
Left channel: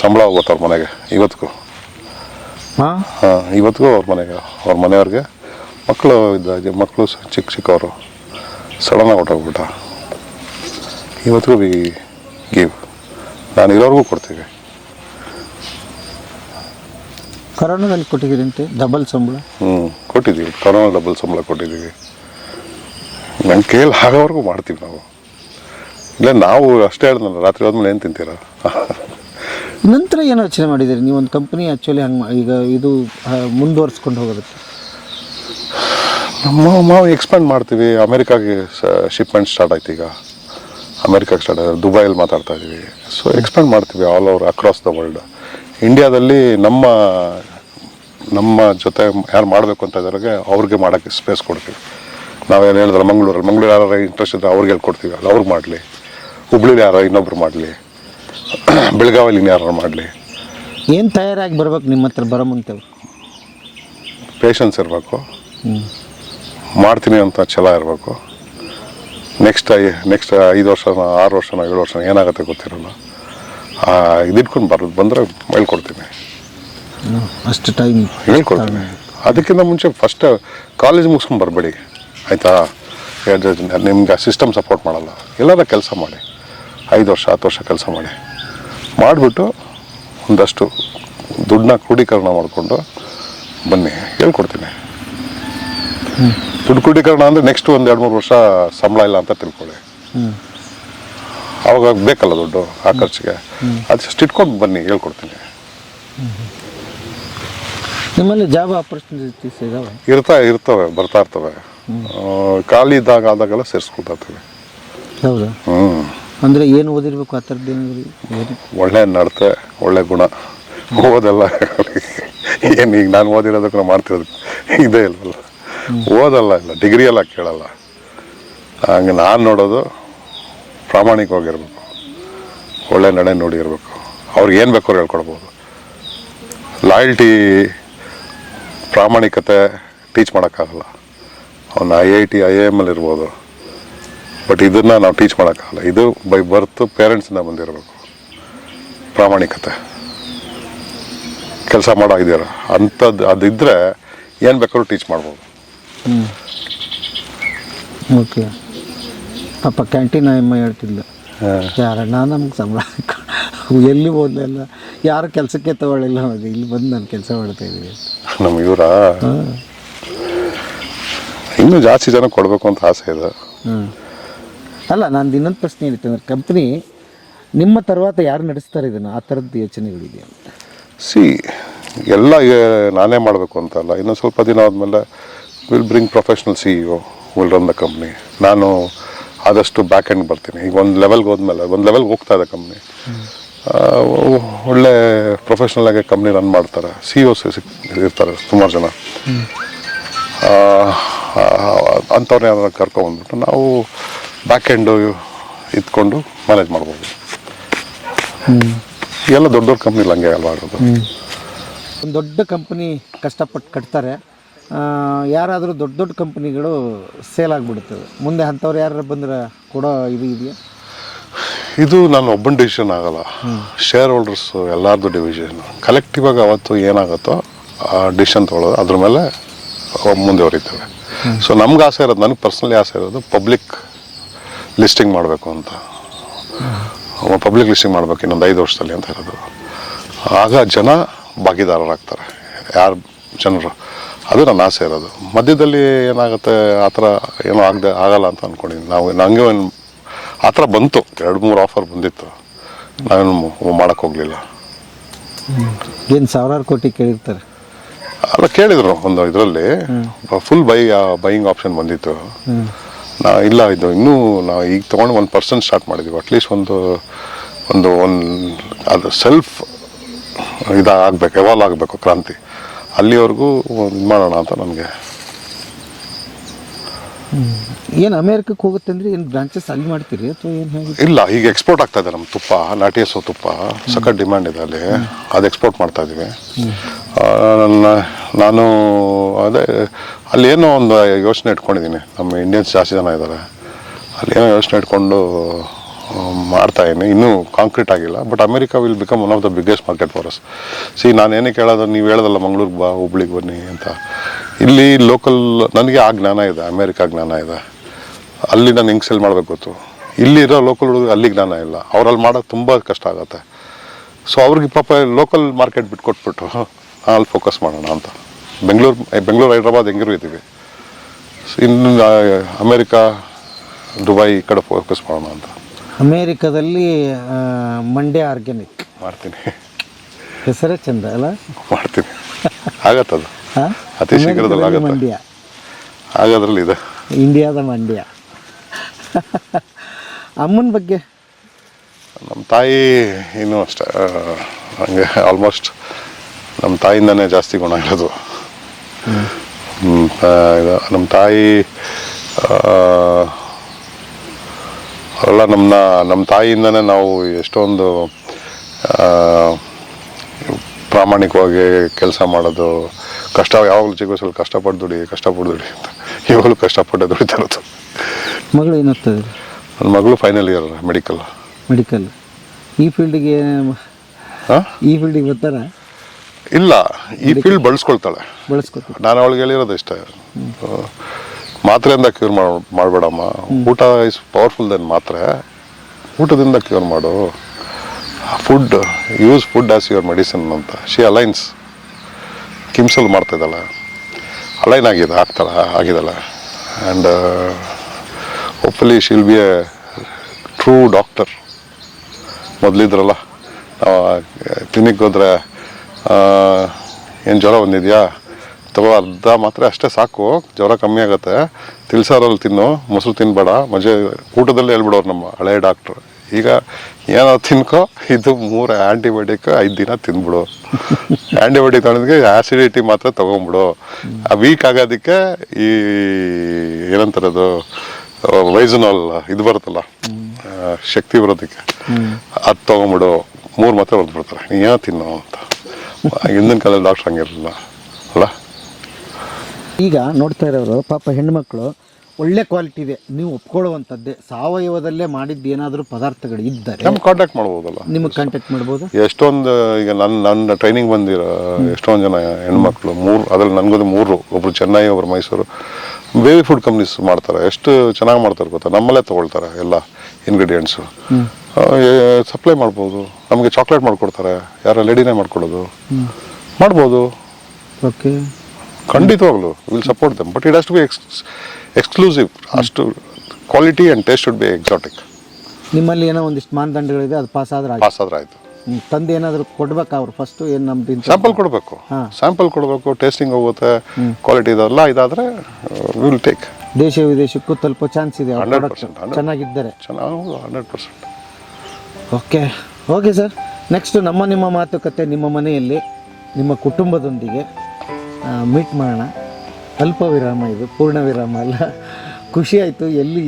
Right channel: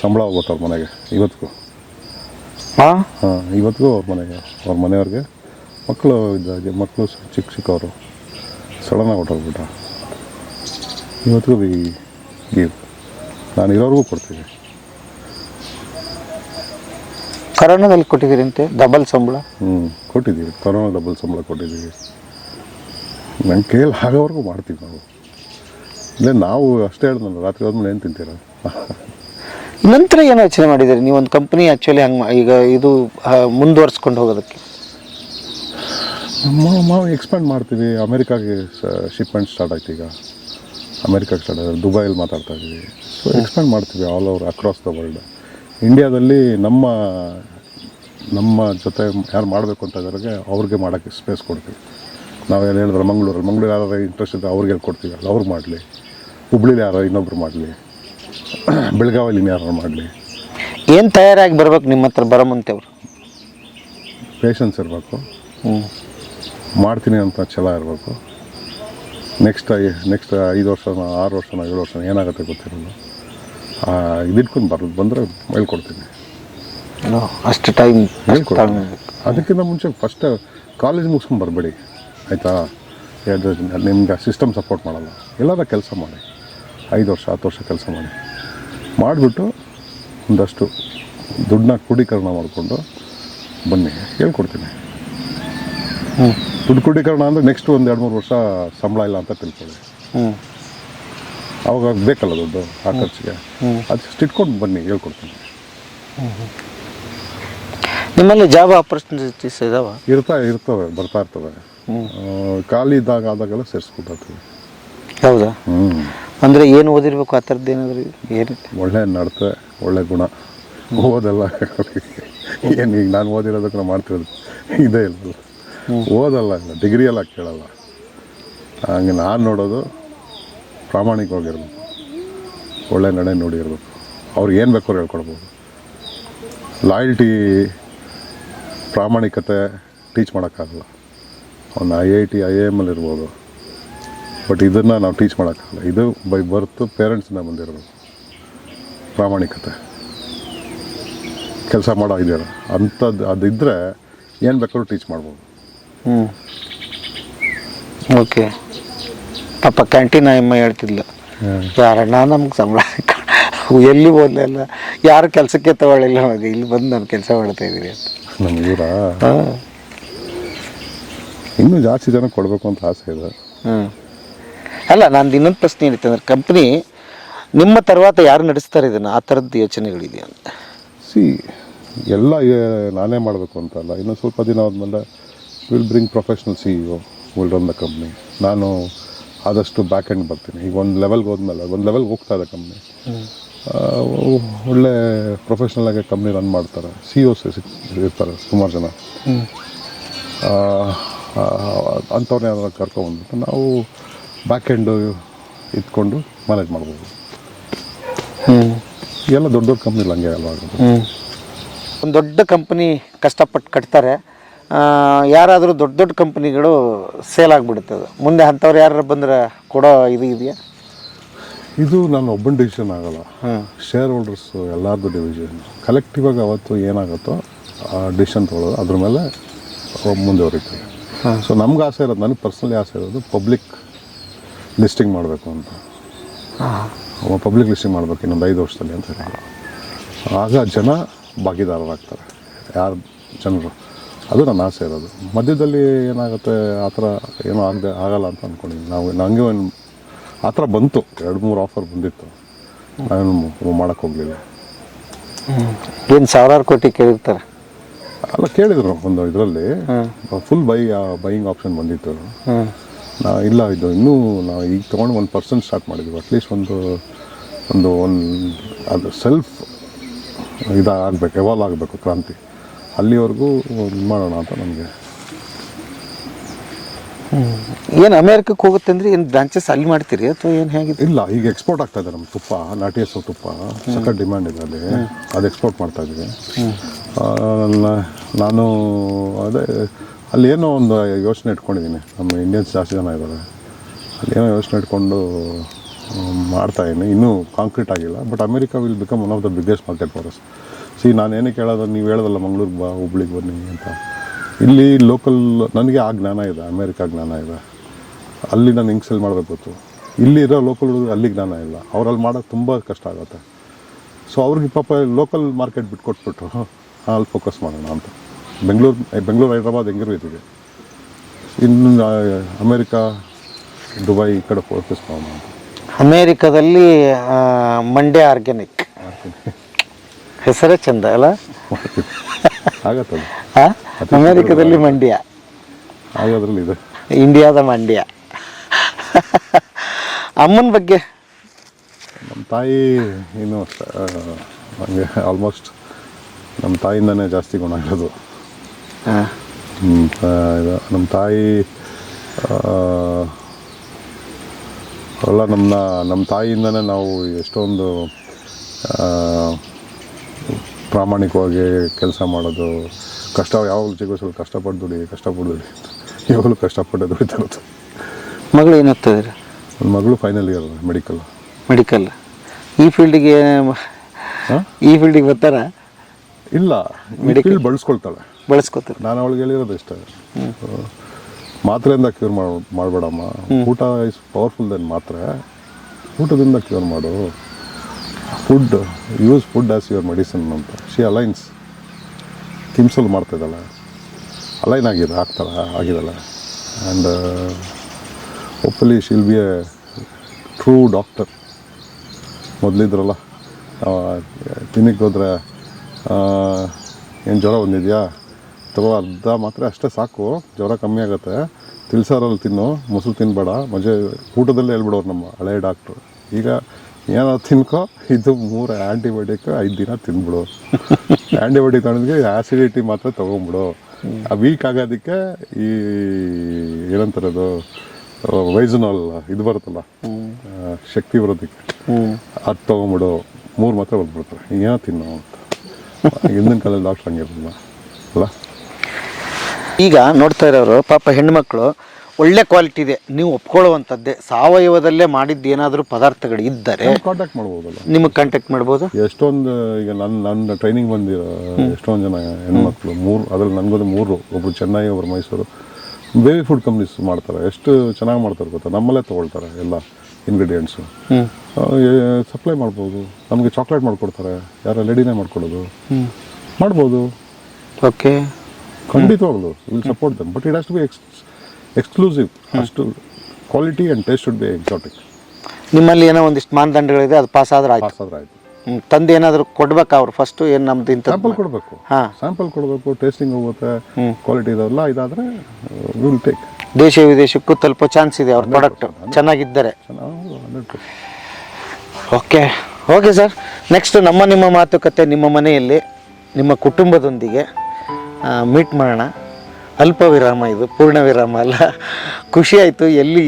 ಸಂಬಳ ಹೋಗುತ್ತೆ ಅವ್ರ ಮನೆಗೆ ಇವತ್ತಿಗೂ. ಇವತ್ತಿಗೂ ಅವ್ರ ಮನೆಗೆ, ಅವ್ರ ಮನೆಯವ್ರಿಗೆ ಮಕ್ಕಳು ಮಕ್ಕಳು ಚಿಕ್ಕವರು ಸಡನ್ನಾಗಿ ಹೊಟ್ಟೋಗ್ಬಿಟ್ಟ. ಇವತ್ತಿಗೂ ವಿ ಗಿವ್. ನಾನು ಇರೋರ್ಗೂ ಕೊಡ್ತೀವಿ. ಕರೋನಾದಲ್ಲಿ ಕೊಟ್ಟಿದ್ದೀರಿ ಅಂತೆ ಡಬಲ್ ಸಂಬಳ? ಕೊಟ್ಟಿದ್ದೀವಿ. ಕರೋನಾ ಡಬಲ್ ಸಂಬಳ ಕೊಟ್ಟಿದ್ದೀವಿ. ನನ್ನ ಕೈಯಲ್ಲಿ ಆಗೋವರೆಗೂ ಮಾಡ್ತೀವಿ ನಾವು. ಇಲ್ಲ ನಾವು ಅಷ್ಟೇ ಹೇಳಿದ್ನಲ್ಲ, ರಾತ್ರಿ ಹೋದ್ಮೇಲೆ ಏನು ತಿಂತೀರಾ. ನಂತರ ಏನು ಯೋಚನೆ ಮಾಡಿದ್ದೀರಿ ನೀವು? ಒಂದು ಕಂಪ್ನಿ ಆ್ಯಕ್ಚುಲಿ ಹಂಗೆ ಈಗ ಇದು ಮುಂದುವರ್ಸ್ಕೊಂಡು ಹೋಗೋದಕ್ಕೆ? ನಾವು ಎಕ್ಸ್ಪ್ಯಾಂಡ್ ಮಾಡ್ತೀವಿ. ಅಮೇರಿಕಾಗೆ ಶಿಪ್ಮೆಂಟ್ ಸ್ಟಾರ್ಟ್ ಆಯ್ತು. ಈಗ ಅಮೇರಿಕಾಗೆ ಸ್ಟಾರ್ಟ್ ಆಗಿದೆ, ದುಬೈಯಲ್ಲಿ ಮಾತಾಡ್ತಾ ಇದ್ದೀವಿ. ಸೊ ಎಕ್ಸ್ಪ್ಯಾಂಡ್ ಮಾಡ್ತೀವಿ all over across the world. ಇಂಡಿಯಾದಲ್ಲಿ ನಮ್ಮ ಜೊತೆ ಯಾರು ಮಾಡಬೇಕು ಅಂತ ಇದ್ದವ್ರಿಗೆ ಅವ್ರಿಗೆ ಮಾಡೋಕ್ಕೆ ಸ್ಪೇಸ್ ಕೊಡ್ತೀವಿ. ನಾವೇನು ಹೇಳಿದ್ರೆ ಮಂಗಳೂರು ಯಾರು ಇಂಟ್ರೆಸ್ಟ್ ಇದ್ದರೆ ಅವ್ರಿಗೆ ಹೇಳ್ಕೊಡ್ತೀವಿ, ಅದು ಅವ್ರಿಗೆ ಮಾಡಲಿ. ಹುಬ್ಳಿಲಿ ಯಾರೋ ಇನ್ನೊಬ್ರು ಮಾಡಲಿ, ಬೆಳಗಾವಿಲಿ ಇನ್ಯಾರು ಮಾಡಲಿ. ಏನು ತಯಾರಾಗಿ ಬರ್ಬೇಕು ನಿಮ್ಮ ಹತ್ರ ಬರೋ ಮುಂತೆವ್ರು? ಪೇಷನ್ಸ್ ಇರಬೇಕು, ಮಾಡ್ತೀನಿ ಅಂತ ಛಲ ಇರಬೇಕು. ನೆಕ್ಸ್ಟ್ 5 ವರ್ಷನ 6 ವರ್ಷನ 7 ವರ್ಷನ ಏನಾಗುತ್ತೆ ಗೊತ್ತಿರಲ್ಲ. ಇದಿಟ್ಕೊಂಡು ಬಂದರೆ ಹೇಳ್ಕೊಡ್ತೀನಿ. ಅಷ್ಟು ಟೈಮ್ ಹೇಳ್ಕೊಡ್ತೀನಿ. ಅದಕ್ಕಿಂತ ಮುಂಚೆ ಫಸ್ಟ್ ಕಾಲೇಜ್ ಮುಗಿಸ್ಕೊಂಡು ಬರಬೇಡಿ. ಆಯಿತಾ. ನಿಮ್ಗೆ ಸಿಸ್ಟಮ್ ಸಪೋರ್ಟ್ ಮಾಡಲ್ಲ. ಎಲ್ಲರ ಕೆಲಸ ಮಾಡಿ, 5 ವರ್ಷ 10 ವರ್ಷ ಕೆಲಸ ಮಾಡಿಬಿಟ್ಟು ಒಂದಷ್ಟು ದುಡ್ಡನ್ನ ಕ್ರೋಢೀಕರಣ ಮಾಡಿಕೊಂಡು ಬನ್ನಿ, ಹೇಳ್ಕೊಡ್ತೀನಿ. ದುಡ್ಡು ಕ್ರೋಢೀಕರಣ ಅಂದರೆ ನೆಕ್ಸ್ಟ್ ಒಂದು 2-3 ವರ್ಷ ಸಂಬಳ ಇಲ್ಲ ಅಂತ ತಿಳ್ಕೊಳ್ಳಿ. ಅವಾಗ ಬೇಕಲ್ಲ ದುಡ್ಡು ಆ ಖರ್ಚಿಗೆ, ಅದಷ್ಟು ಇಟ್ಕೊಂಡು ಬನ್ನಿ, ಹೇಳ್ಕೊಡ್ತೀನಿ. ನಿಮ್ಮಲ್ಲಿ ಜಾಬ್ ಆಪರ್ಚುನಿಟೀಸ್ ಇದಾವ? ಇರ್ತವೆ, ಬರ್ತಾ ಇರ್ತವೆ. ಖಾಲಿ ಇದ್ದಾಗ ಆದಾಗೆಲ್ಲ ಸೇರಿಸ್ಕೊಳ್ತಾ ಇರ್ತೀವಿ. ಹೌದಾ? ಅಂದರೆ ಏನು ಓದಿರ್ಬೇಕು ಆ ಥರದ್ದು ಏನಾದ್ರು? ಏನು ಒಳ್ಳೆ ನಡತೆ, ಒಳ್ಳೆ ಗುಣ. ಓದಲ್ಲ ಏನು ಈಗ ನಾನು ಓದಿರೋದಕ್ಕೆ ನಾವು ಮಾಡ್ತಿರೋದು ಇದೇ ಇಲ್ವಲ್ಲ. ಓದಲ್ಲ, ಇಲ್ಲ ಡಿಗ್ರಿ ಎಲ್ಲ ಕೇಳಲ್ಲ. ಹಂಗೆ ನಾನು ನೋಡೋದು ಪ್ರಾಮಾಣಿಕವಾಗಿರ್ಬೇಕು, ಒಳ್ಳೆ ನಡೆ ನೋಡಿ ಇರಬೇಕು. ಅವ್ರಿಗೆ ಏನು ಬೇಕಾದ್ರೂ ಹೇಳ್ಕೊಡ್ಬೋದು. ಲಾಯಲ್ಟಿ, ಪ್ರಾಮಾಣಿಕತೆ ಟೀಚ್ ಮಾಡೋಕ್ಕಾಗಲ್ಲ. ಅವ್ನು IIT IIM ಅಲ್ಲಿ ಇರ್ಬೋದು, ಬಟ್ ಇದನ್ನು ನಾವು ಟೀಚ್ ಮಾಡೋಕ್ಕಾಗಲ್ಲ. ಇದು ಬೈ ಬರ್ತು ಪೇರೆಂಟ್ಸಿಂದ ಬಂದಿರಬೇಕು. ಪ್ರಾಮಾಣಿಕತೆ, ಕೆಲಸ ಮಾಡೋ ಇದೆಯಲ್ಲ ಅಂಥದ್ದು ಅದಿದ್ದರೆ ಏನು ಬೇಕಾದ್ರೂ ಟೀಚ್ ಮಾಡ್ಬೋದು. ಓಕೆ. ಪಾಪ ಕ್ಯಾಂಟೀನ್ ಅಮ್ಮ ಹೇಳ್ತಿದ್ಲು, ಯಾರಣ್ಣ ನಮ್ಗೆ ಸಂಬಳ ಎಲ್ಲಿ ಓದಲಿಲ್ಲ, ಯಾರು ಕೆಲಸಕ್ಕೆ ತಗೊಳ್ಳಿಲ್ಲ, ಇಲ್ಲಿ ಬಂದು ನಾನು ಕೆಲಸ ಮಾಡ್ತಾ ಇದ್ದೀನಿ ಅಂತ. ನಮ್ಮ ಇವರ ಇನ್ನೂ ಜಾಸ್ತಿ ಜನ ಕೊಡಬೇಕು ಅಂತ ಆಸೆ ಇದೆ. ಅಲ್ಲ, ನಾನು ಇನ್ನೊಂದು ಪ್ರಶ್ನೆ ಹೇಳ್ತೇನೆ, ಕಂಪ್ನಿ ನಿಮ್ಮ తర్వాత ಯಾರು ನಡೆಸ್ತಾರೆ ಇದನ್ನು, ಆ ಥರದ್ದು ಯೋಚನೆಗಳಿದೆಯಾ ಅಂತ? ಎಲ್ಲ ನಾನೇ ಮಾಡಬೇಕು ಅಂತಲ್ಲ. ಇನ್ನೊಂದು ಸ್ವಲ್ಪ ದಿನ ಆದಮೇಲೆ will bring professional CEO will run the company. ನಾನು ಆದಷ್ಟು ಬ್ಯಾಕ್ ಎಂಡ್ ಬರ್ತೀನಿ. ಈಗ ಒಂದು ಲೆವೆಲ್ಗೆ ಹೋದ್ಮೇಲೆ, ಒಂದು ಲೆವೆಲ್ಗೆ ಹೋಗ್ತಾ ಇದೆ ಕಂಪ್ನಿ, ಒಳ್ಳೆ ಪ್ರೊಫೆಷ್ನಲ್ ಆಗಿ ಕಂಪ್ನಿ ರನ್ ಮಾಡ್ತಾರೆ. CEOs ಇರ್ತಾರೆ ಸುಮಾರು ಜನ. ಅಂಥವ್ರನ್ನ ಯಾರು ಕರ್ಕೊಂಡ್ಬಂದ್ಬಿಟ್ಟು ನಾವು ಬ್ಯಾಕ್ ಎಂಡು ಇದ್ಕೊಂಡು ಮ್ಯಾನೇಜ್ ಮಾಡ್ಬೋದು. ಎಲ್ಲ ದೊಡ್ಡ ದೊಡ್ಡ ಕಂಪ್ನಿಲಿ ಹಂಗೆ ಅಲ್ವಾ ಆಗೋದು. ಒಂದು ದೊಡ್ಡ ಕಂಪ್ನಿ ಕಷ್ಟಪಟ್ಟು ಕಟ್ತಾರೆ, ಯಾರಾದರೂ ದೊಡ್ಡ ದೊಡ್ಡ ಕಂಪ್ನಿಗಳು ಸೇಲ್ ಆಗಿಬಿಡುತ್ತದೆ. ಮುಂದೆ ಅಂಥವ್ರು ಯಾರು ಬಂದರೆ ಕೊಡೋ ಇದು ಇದೆಯಾ? ಇದು ನಾನು ಒಬ್ಬನ ಡಿಸಿಷನ್ ಆಗಲ್ಲ. ಶೇರ್ ಹೋಲ್ಡರ್ಸ್ ಎಲ್ಲರದ್ದು ಡಿವಿಷನ್ ಕಲೆಕ್ಟಿವ್ ಆಗಿ ಅವತ್ತು ಏನಾಗುತ್ತೋ ಆ ಡಿಸಿಷನ್ ತೊಗೊಳ್ಳೋದು, ಅದ್ರ ಮೇಲೆ ಮುಂದುವರಿತೇವೆ. ಸೊ ನಮ್ಗೆ ಆಸೆ ಇರೋದು, ನನಗೆ ಪರ್ಸ್ನಲಿ ಆಸೆ ಇರೋದು ಪಬ್ಲಿಕ್ ಲಿಸ್ಟಿಂಗ್ ಮಾಡಬೇಕು ಅಂತ. ಪಬ್ಲಿಕ್ ಲಿಸ್ಟಿಂಗ್ ಮಾಡಬೇಕು ಇನ್ನೊಂದು 5 ವರ್ಷದಲ್ಲಿ ಅಂತ ಇರೋದು. ಆಗ ಜನ ಭಾಗಿದಾರರಾಗ್ತಾರೆ, ಯಾರು ಜನರು. ಅದು ನನ್ನ ಆಸೆ ಇರೋದು. ಮಧ್ಯದಲ್ಲಿ ಏನಾಗುತ್ತೆ ಆ ಥರ ಏನೋ ಆಗಲ್ಲ ಅಂತ ಅಂದ್ಕೊಂಡಿದ್ದೀನಿ. ನನಗೆ ಆ ಥರ ಬಂತು, 2-3 ಆಫರ್ ಬಂದಿತ್ತು, ನಾವೇನು ಮಾಡೋಕ್ಕೆ ಹೋಗಲಿಲ್ಲ. ಏನು ಸಾವಿರಾರು ಕೋಟಿ ಕೇಳಿರ್ತಾರೆ? ಅಲ್ಲ, ಕೇಳಿದ್ರು ಒಂದು ಇದರಲ್ಲಿ ಫುಲ್ ಬೈಯಿಂಗ್ ಆಪ್ಷನ್ ಬಂದಿತ್ತು. ಇಲ್ಲ, ಇದು ಇನ್ನೂ ನಾವು ಈಗ ತೊಗೊಂಡು 1% ಸ್ಟಾರ್ಟ್ ಮಾಡಿದ್ದೀವಿ. ಅಟ್ಲೀಸ್ಟ್ ಒಂದು ಅದು ಸೆಲ್ಫ್ ಇದಾಗಬೇಕು, ಎವಾಲ್ವ್ ಆಗಬೇಕು ಕ್ರಾಂತಿ. ಅಲ್ಲಿವರೆಗೂ ಇದು ಮಾಡೋಣ ಅಂತ ನನಗೆ. ಏನು ಅಮೇರಿಕಕ್ಕೆ ಹೋಗುತ್ತೆ ಅಂದರೆ ಏನು ಬ್ರಾಂಚಸ್ ಅಲ್ಲಿ ಮಾಡ್ತೀರಿ ಅಥವಾ ಏನು ಹೇಗೆ? ಇಲ್ಲ, ಈಗ ಎಕ್ಸ್ಪೋರ್ಟ್ ಆಗ್ತಾ ಇದೆ ನಮ್ಮ ತುಪ್ಪ, ನಾಟಿ ಹಸು ತುಪ್ಪ ಸಖತ್ ಡಿಮ್ಯಾಂಡ್ ಇದೆ ಅಲ್ಲಿ. ಅದು ಎಕ್ಸ್ಪೋರ್ಟ್ ಮಾಡ್ತಾ ಇದ್ದೀವಿ. ನಾನು ಅದೇ ಅಲ್ಲಿ ಏನೋ ಒಂದು ಯೋಚನೆ ಇಟ್ಕೊಂಡಿದ್ದೀನಿ. ನಮ್ಮ ಇಂಡಿಯನ್ಸ್ ಜಾಸ್ತಿ ಜನ ಇದ್ದಾರೆ, ಅಲ್ಲಿ ಏನೋ ಯೋಚನೆ ಇಟ್ಕೊಂಡು ಮಾಡ್ತಾಯಿದ್ದೀನಿ. ಇನ್ನೂ ಕಾಂಕ್ರೀಟ್ ಆಗಿಲ್ಲ. But America will become one of the biggest market for us. ನಾನು ಏನಕ್ಕೆ ಹೇಳೋದು, ನೀವು ಹೇಳೋದಲ್ಲ ಮಂಗ್ಳೂರಿಗೆ ಬಾ, ಹುಬ್ಳಿಗೆ ಬನ್ನಿ ಅಂತ. ಇಲ್ಲಿ ಲೋಕಲ್ ನನಗೆ ಆ ಜ್ಞಾನ ಇದೆ, ಅಮೇರಿಕಾ ಜ್ಞಾನ ಇದೆ. ಅಲ್ಲಿ ನಾನು ಹೆಂಗೆ ಸೆಲ್ ಮಾಡಬೇಕು ಗೊತ್ತು. ಇಲ್ಲಿರೋ ಲೋಕಲ್ ಹುಡುಗರು ಅಲ್ಲಿ ಜ್ಞಾನ ಇಲ್ಲ, ಅವ್ರಲ್ಲಿ ಮಾಡೋದು ತುಂಬ ಕಷ್ಟ ಆಗುತ್ತೆ. ಸೊ ಅವ್ರಿಗೆ ಪಾಪ ಲೋಕಲ್ ಮಾರ್ಕೆಟ್ ಬಿಟ್ಕೊಟ್ಬಿಟ್ಟು ಅಲ್ಲಿ ಫೋಕಸ್ ಮಾಡೋಣ ಅಂತ. ಬೆಂಗಳೂರು ಹೈದ್ರಾಬಾದ್ ಹೆಂಗಿರು ಇದ್ದೀವಿ, ಇನ್ನು ಅಮೇರಿಕಾ ದುಬೈ ಈ ಕಡೆ ಫೋಕಸ್ ಮಾಡೋಣ ಅಂತ. ಅಮೇರಿಕಾದಲ್ಲಿ ಮಂಡ್ಯ ಆರ್ಗ್ಯಾನಿಕ್ ಮಾಡ್ತೀನಿ. ಹೆಸರೇ ಚಂದ ಅಲ್ಲ? ಮಾಡ್ತೀನಿ, ಆಗತ್ತದು. ಅಮೇರಿಕಾದಲ್ಲಿ ಮಂಡ್ಯ, ಆಗೋದ್ರಲ್ಲಿ ಇದೆ. ಇಂಡಿಯಾದ ಮಂಡ್ಯ. ಅಮ್ಮನ ಬಗ್ಗೆ? ನಮ್ಮ ತಾಯಿ ಇನ್ನೂ ಅಷ್ಟೇ, ಹಂಗೆ ಆಲ್ಮೋಸ್ಟ್ ನಮ್ಮ ತಾಯಿಯಿಂದನೇ ಜಾಸ್ತಿ ಗುಣ ಇರೋದು. ನಮ್ಮ ತಾಯಿ ಅಲ್ಲ, ನಮ್ಮ ತಾಯಿಯಿಂದನೇ ನಾವು ಎಷ್ಟೊಂದು ಪ್ರಾಮಾಣಿಕವಾಗಿ ಕೆಲಸ ಮಾಡೋದು. ಕಷ್ಟ ಯಾವಾಗಲೂ ಚಿಕ್ಕ ಕಷ್ಟಪಟ್ಟು ದುಡಿ ಅಂತ ಇವಾಗಲೂ ಕಷ್ಟಪಟ್ಟು ದುಡಿತಾ ಇರೋದು. ಮಗಳು ಏನು ಓದ್ತಿದ್ದಾರೆ? ನನ್ನ ಮಗಳು ಫೈನಲ್ ಇಯರ್ ಮೆಡಿಕಲ್. ಈ ಫೀಲ್ಡಿಗೆ ಬರ್ತಾರ? ಇಲ್ಲ, ಈ ಫೀಲ್ಡ್ ಬಳಸ್ಕೊಳ್ತಾಳೆ. ಬಳಸ್ಕೊತಾರೆ. ನಾನು ಅವಳಿಗೆ ಹೇಳಿರೋದು ಇಷ್ಟ, ಮಾತ್ರೆಯಿಂದ ಕ್ಯೂರ್ ಮಾಡಬೇಡಮ್ಮ. ಊಟ ಇಸ್ ಪವರ್ಫುಲ್ ದೆನ್ ಮಾತ್ರೆ. ಊಟದಿಂದ ಕ್ಯೂರ್ ಮಾಡು. Food, use food as your medicine ಅಂತ ಶಿ ಅಲೈನ್ಸ್ ಕಿಮ್ಸಲ್ಲಿ ಮಾಡ್ತಾಯಿದ್ದಲ್ಲ, ಅಲೈನ್ ಆಗಿದಲ್ಲ. And hopefully she'll be a true doctor. ಮೊದಲಿದ್ರಲ್ಲ, ಕ್ಲಿನಿಕ್ಗೆ ಹೋದರೆ ಏನು ಜ್ವರ ಬಂದಿದೆಯಾ ಅಥವಾ ಅರ್ಧ ಮಾತ್ರೆ ಅಷ್ಟೇ ಸಾಕು, ಜ್ವರ ಕಮ್ಮಿ ಆಗುತ್ತೆ, ತಿಳಿಸಾರಲ್ಲಿ ತಿನ್ನು, ಮೊಸರು ತಿನ್ನಬೇಡ, ಊಟದಲ್ಲೇ ಹೇಳ್ಬಿಡೋರು ನಮ್ಮ ಹಳೆ ಡಾಕ್ಟ್ರು. ಈಗ ಏನೋ ತಿನ್ಕೋ, ಇದು 3 ಆ್ಯಂಟಿಬಯೋಟಿಕ್ 5 ದಿನ ತಿಂದ್ಬಿಡು. ಆ್ಯಂಟಿಬಯೋಟಿಕ್ ತಗೊಂಡಿದ್ದಕ್ಕೆ ಆ್ಯಸಿಡಿಟಿ ಮಾತ್ರ ತೊಗೊಂಬಿಡು. ವೀಕ್ ಆಗೋದಕ್ಕೆ ಈ ಏನಂತಾರದು ವೈಸನಾಲ್ ಇದು ಬರುತ್ತಲ್ಲ, ಶಕ್ತಿ ಬರೋದಕ್ಕೆ, ಅದು ತೊಗೊಂಬಿಡು. 3 ಮಾತ್ರೆ ಹೊರದ್ಬಿಡ್ತಾರೆ, ಏನೋ ತಿನ್ನೋ ಅಂತ. ಹಿಂದಿನ ಕಾಲದಲ್ಲಿ ಡಾಕ್ಟ್ರ್ ಹಂಗಿರಲಿಲ್ಲ ಅಲ್ಲ. ಈಗ ನೋಡ್ತಾ ಇರೋರು ಪಾಪ ಹೆಣ್ಮಕ್ಳು ಒಳ್ಳೆ ಕ್ವಾಲಿಟಿ ಇದೆ, ನೀವು ಒಪ್ಕೊಳ್ಳುವಂಥದ್ದೇ ಸಾವಯವದಲ್ಲೇ ಮಾಡಿದ್ದು ಏನಾದರೂ ಪದಾರ್ಥಗಳು ಇದ್ದರೆ ಕಾಂಟ್ಯಾಕ್ಟ್ ಮಾಡ್ಬೋದಲ್ಲ, ನಿಮಗೆ ಕಾಂಟ್ಯಾಕ್ಟ್ ಮಾಡ್ಬೋದು. ಎಷ್ಟೊಂದು ಈಗ ನನ್ನ ಟ್ರೈನಿಂಗ್ ಬಂದಿರೋ ಎಷ್ಟೊಂದು ಜನ ಹೆಣ್ಮಕ್ಳು, 3 ಅದ್ರಲ್ಲಿ ನನಗೊಂದು 3, ಒಬ್ರು ಚೆನ್ನೈ, ಒಬ್ರು ಮೈಸೂರು, ಬೇಬಿ ಫುಡ್ ಕಂಪ್ನೀಸ್ ಮಾಡ್ತಾರೆ. ಎಷ್ಟು ಚೆನ್ನಾಗಿ ಮಾಡ್ತಾರೆ ಗೊತ್ತಾ, ನಮ್ಮಲ್ಲೇ ತೊಗೊಳ್ತಾರೆ ಎಲ್ಲ ಇಂಗ್ರೀಡಿಯೆಂಟ್ಸು. ಸಪ್ಲೈ ಮಾಡ್ಬೋದು. ನಮಗೆ ಚಾಕ್ಲೇಟ್ ಮಾಡಿಕೊಡ್ತಾರೆ, ಯಾರೋ ಲೇಡಿನೇ ಮಾಡ್ಕೊಡೋದು, ಮಾಡ್ಬೋದು. ಓಕೆ, ಖಂಡಿತವಾಗ್ಲು will support them, but it has to be exclusive. ಅಷ್ಟು quality and taste should be exotic. ನಿಮ್ಮಲ್ಲಿ ಏನೋ ಒಂದಿಷ್ಟು ಮಾನದಂಡಗಳಿದೆ, ಅದು ಪಾಸ್ ಆದ್ರೆ ಆಯ್ತು. ತಂದು ಏನಾದರೂ ಕೊಡ್ಬೇಕಾ ಅವ್ರು ಫಸ್ಟು? ಏನು ನಮ್ದು ಇಂಥ ಸ್ಯಾಂಪಲ್ ಕೊಡಬೇಕು, ಸ್ಯಾಂಪಲ್ ಕೊಡಬೇಕು, ಟೇಸ್ಟಿಂಗ್ ಹೋಗುತ್ತೆ, ಕ್ವಾಲಿಟಿ ಇದೆಲ್ಲ ಇದಾದರೆ ವಿಲ್ ಟೇಕ್. ದೇಶ ವಿದೇಶಕ್ಕೂ ತಲುಪೋ ಚಾನ್ಸ್ ಇದೆ ಅವ್ರ ಪ್ರಾಡಕ್ಟ್ ಚೆನ್ನಾಗಿದ್ದರೆ. 100%. ಓಕೆ ಸರ್, ನೆಕ್ಸ್ಟ್ ನಿಮ್ಮ ಮಾತುಕತೆ ನಿಮ್ಮ ಮನೆಯಲ್ಲಿ ನಿಮ್ಮ ಕುಟುಂಬದೊಂದಿಗೆ ಮೀಟ್ ಮಾಡೋಣ. ಅಲ್ಪ ವಿರಾಮ, ಇದು ಪೂರ್ಣ ವಿರಾಮ ಅಲ್ಲ. ಖುಷಿ ಆಯಿತು. ಎಲ್ಲಿ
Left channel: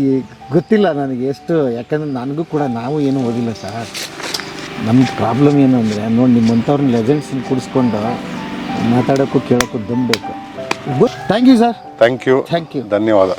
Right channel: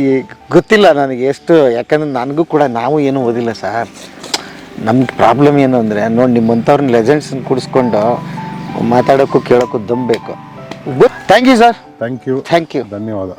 ಗೊತ್ತಿಲ್ಲ ನನಗೆ ಎಷ್ಟು, ಯಾಕಂದರೆ ನನಗೂ ಕೂಡ ನಾವು ಏನೂ ಓದಿಲ್ಲ ಸರ್. ನಮ್ಮ ಪ್ರಾಬ್ಲಮ್ ಏನು ಅಂದರೆ ನೋಡಿ, ನಿಮ್ಮಂಥವ್ರನ್ನ ಲೆಜೆಂಡ್ಸನ್ನ ಕೂಡಿಸ್ಕೊಂಡು ಮಾತಾಡೋಕ್ಕೂ ಕೇಳೋಕ್ಕೂ ದಮ್ ಬೇಕು. Thank you sir. Thank you. ಧನ್ಯವಾದ.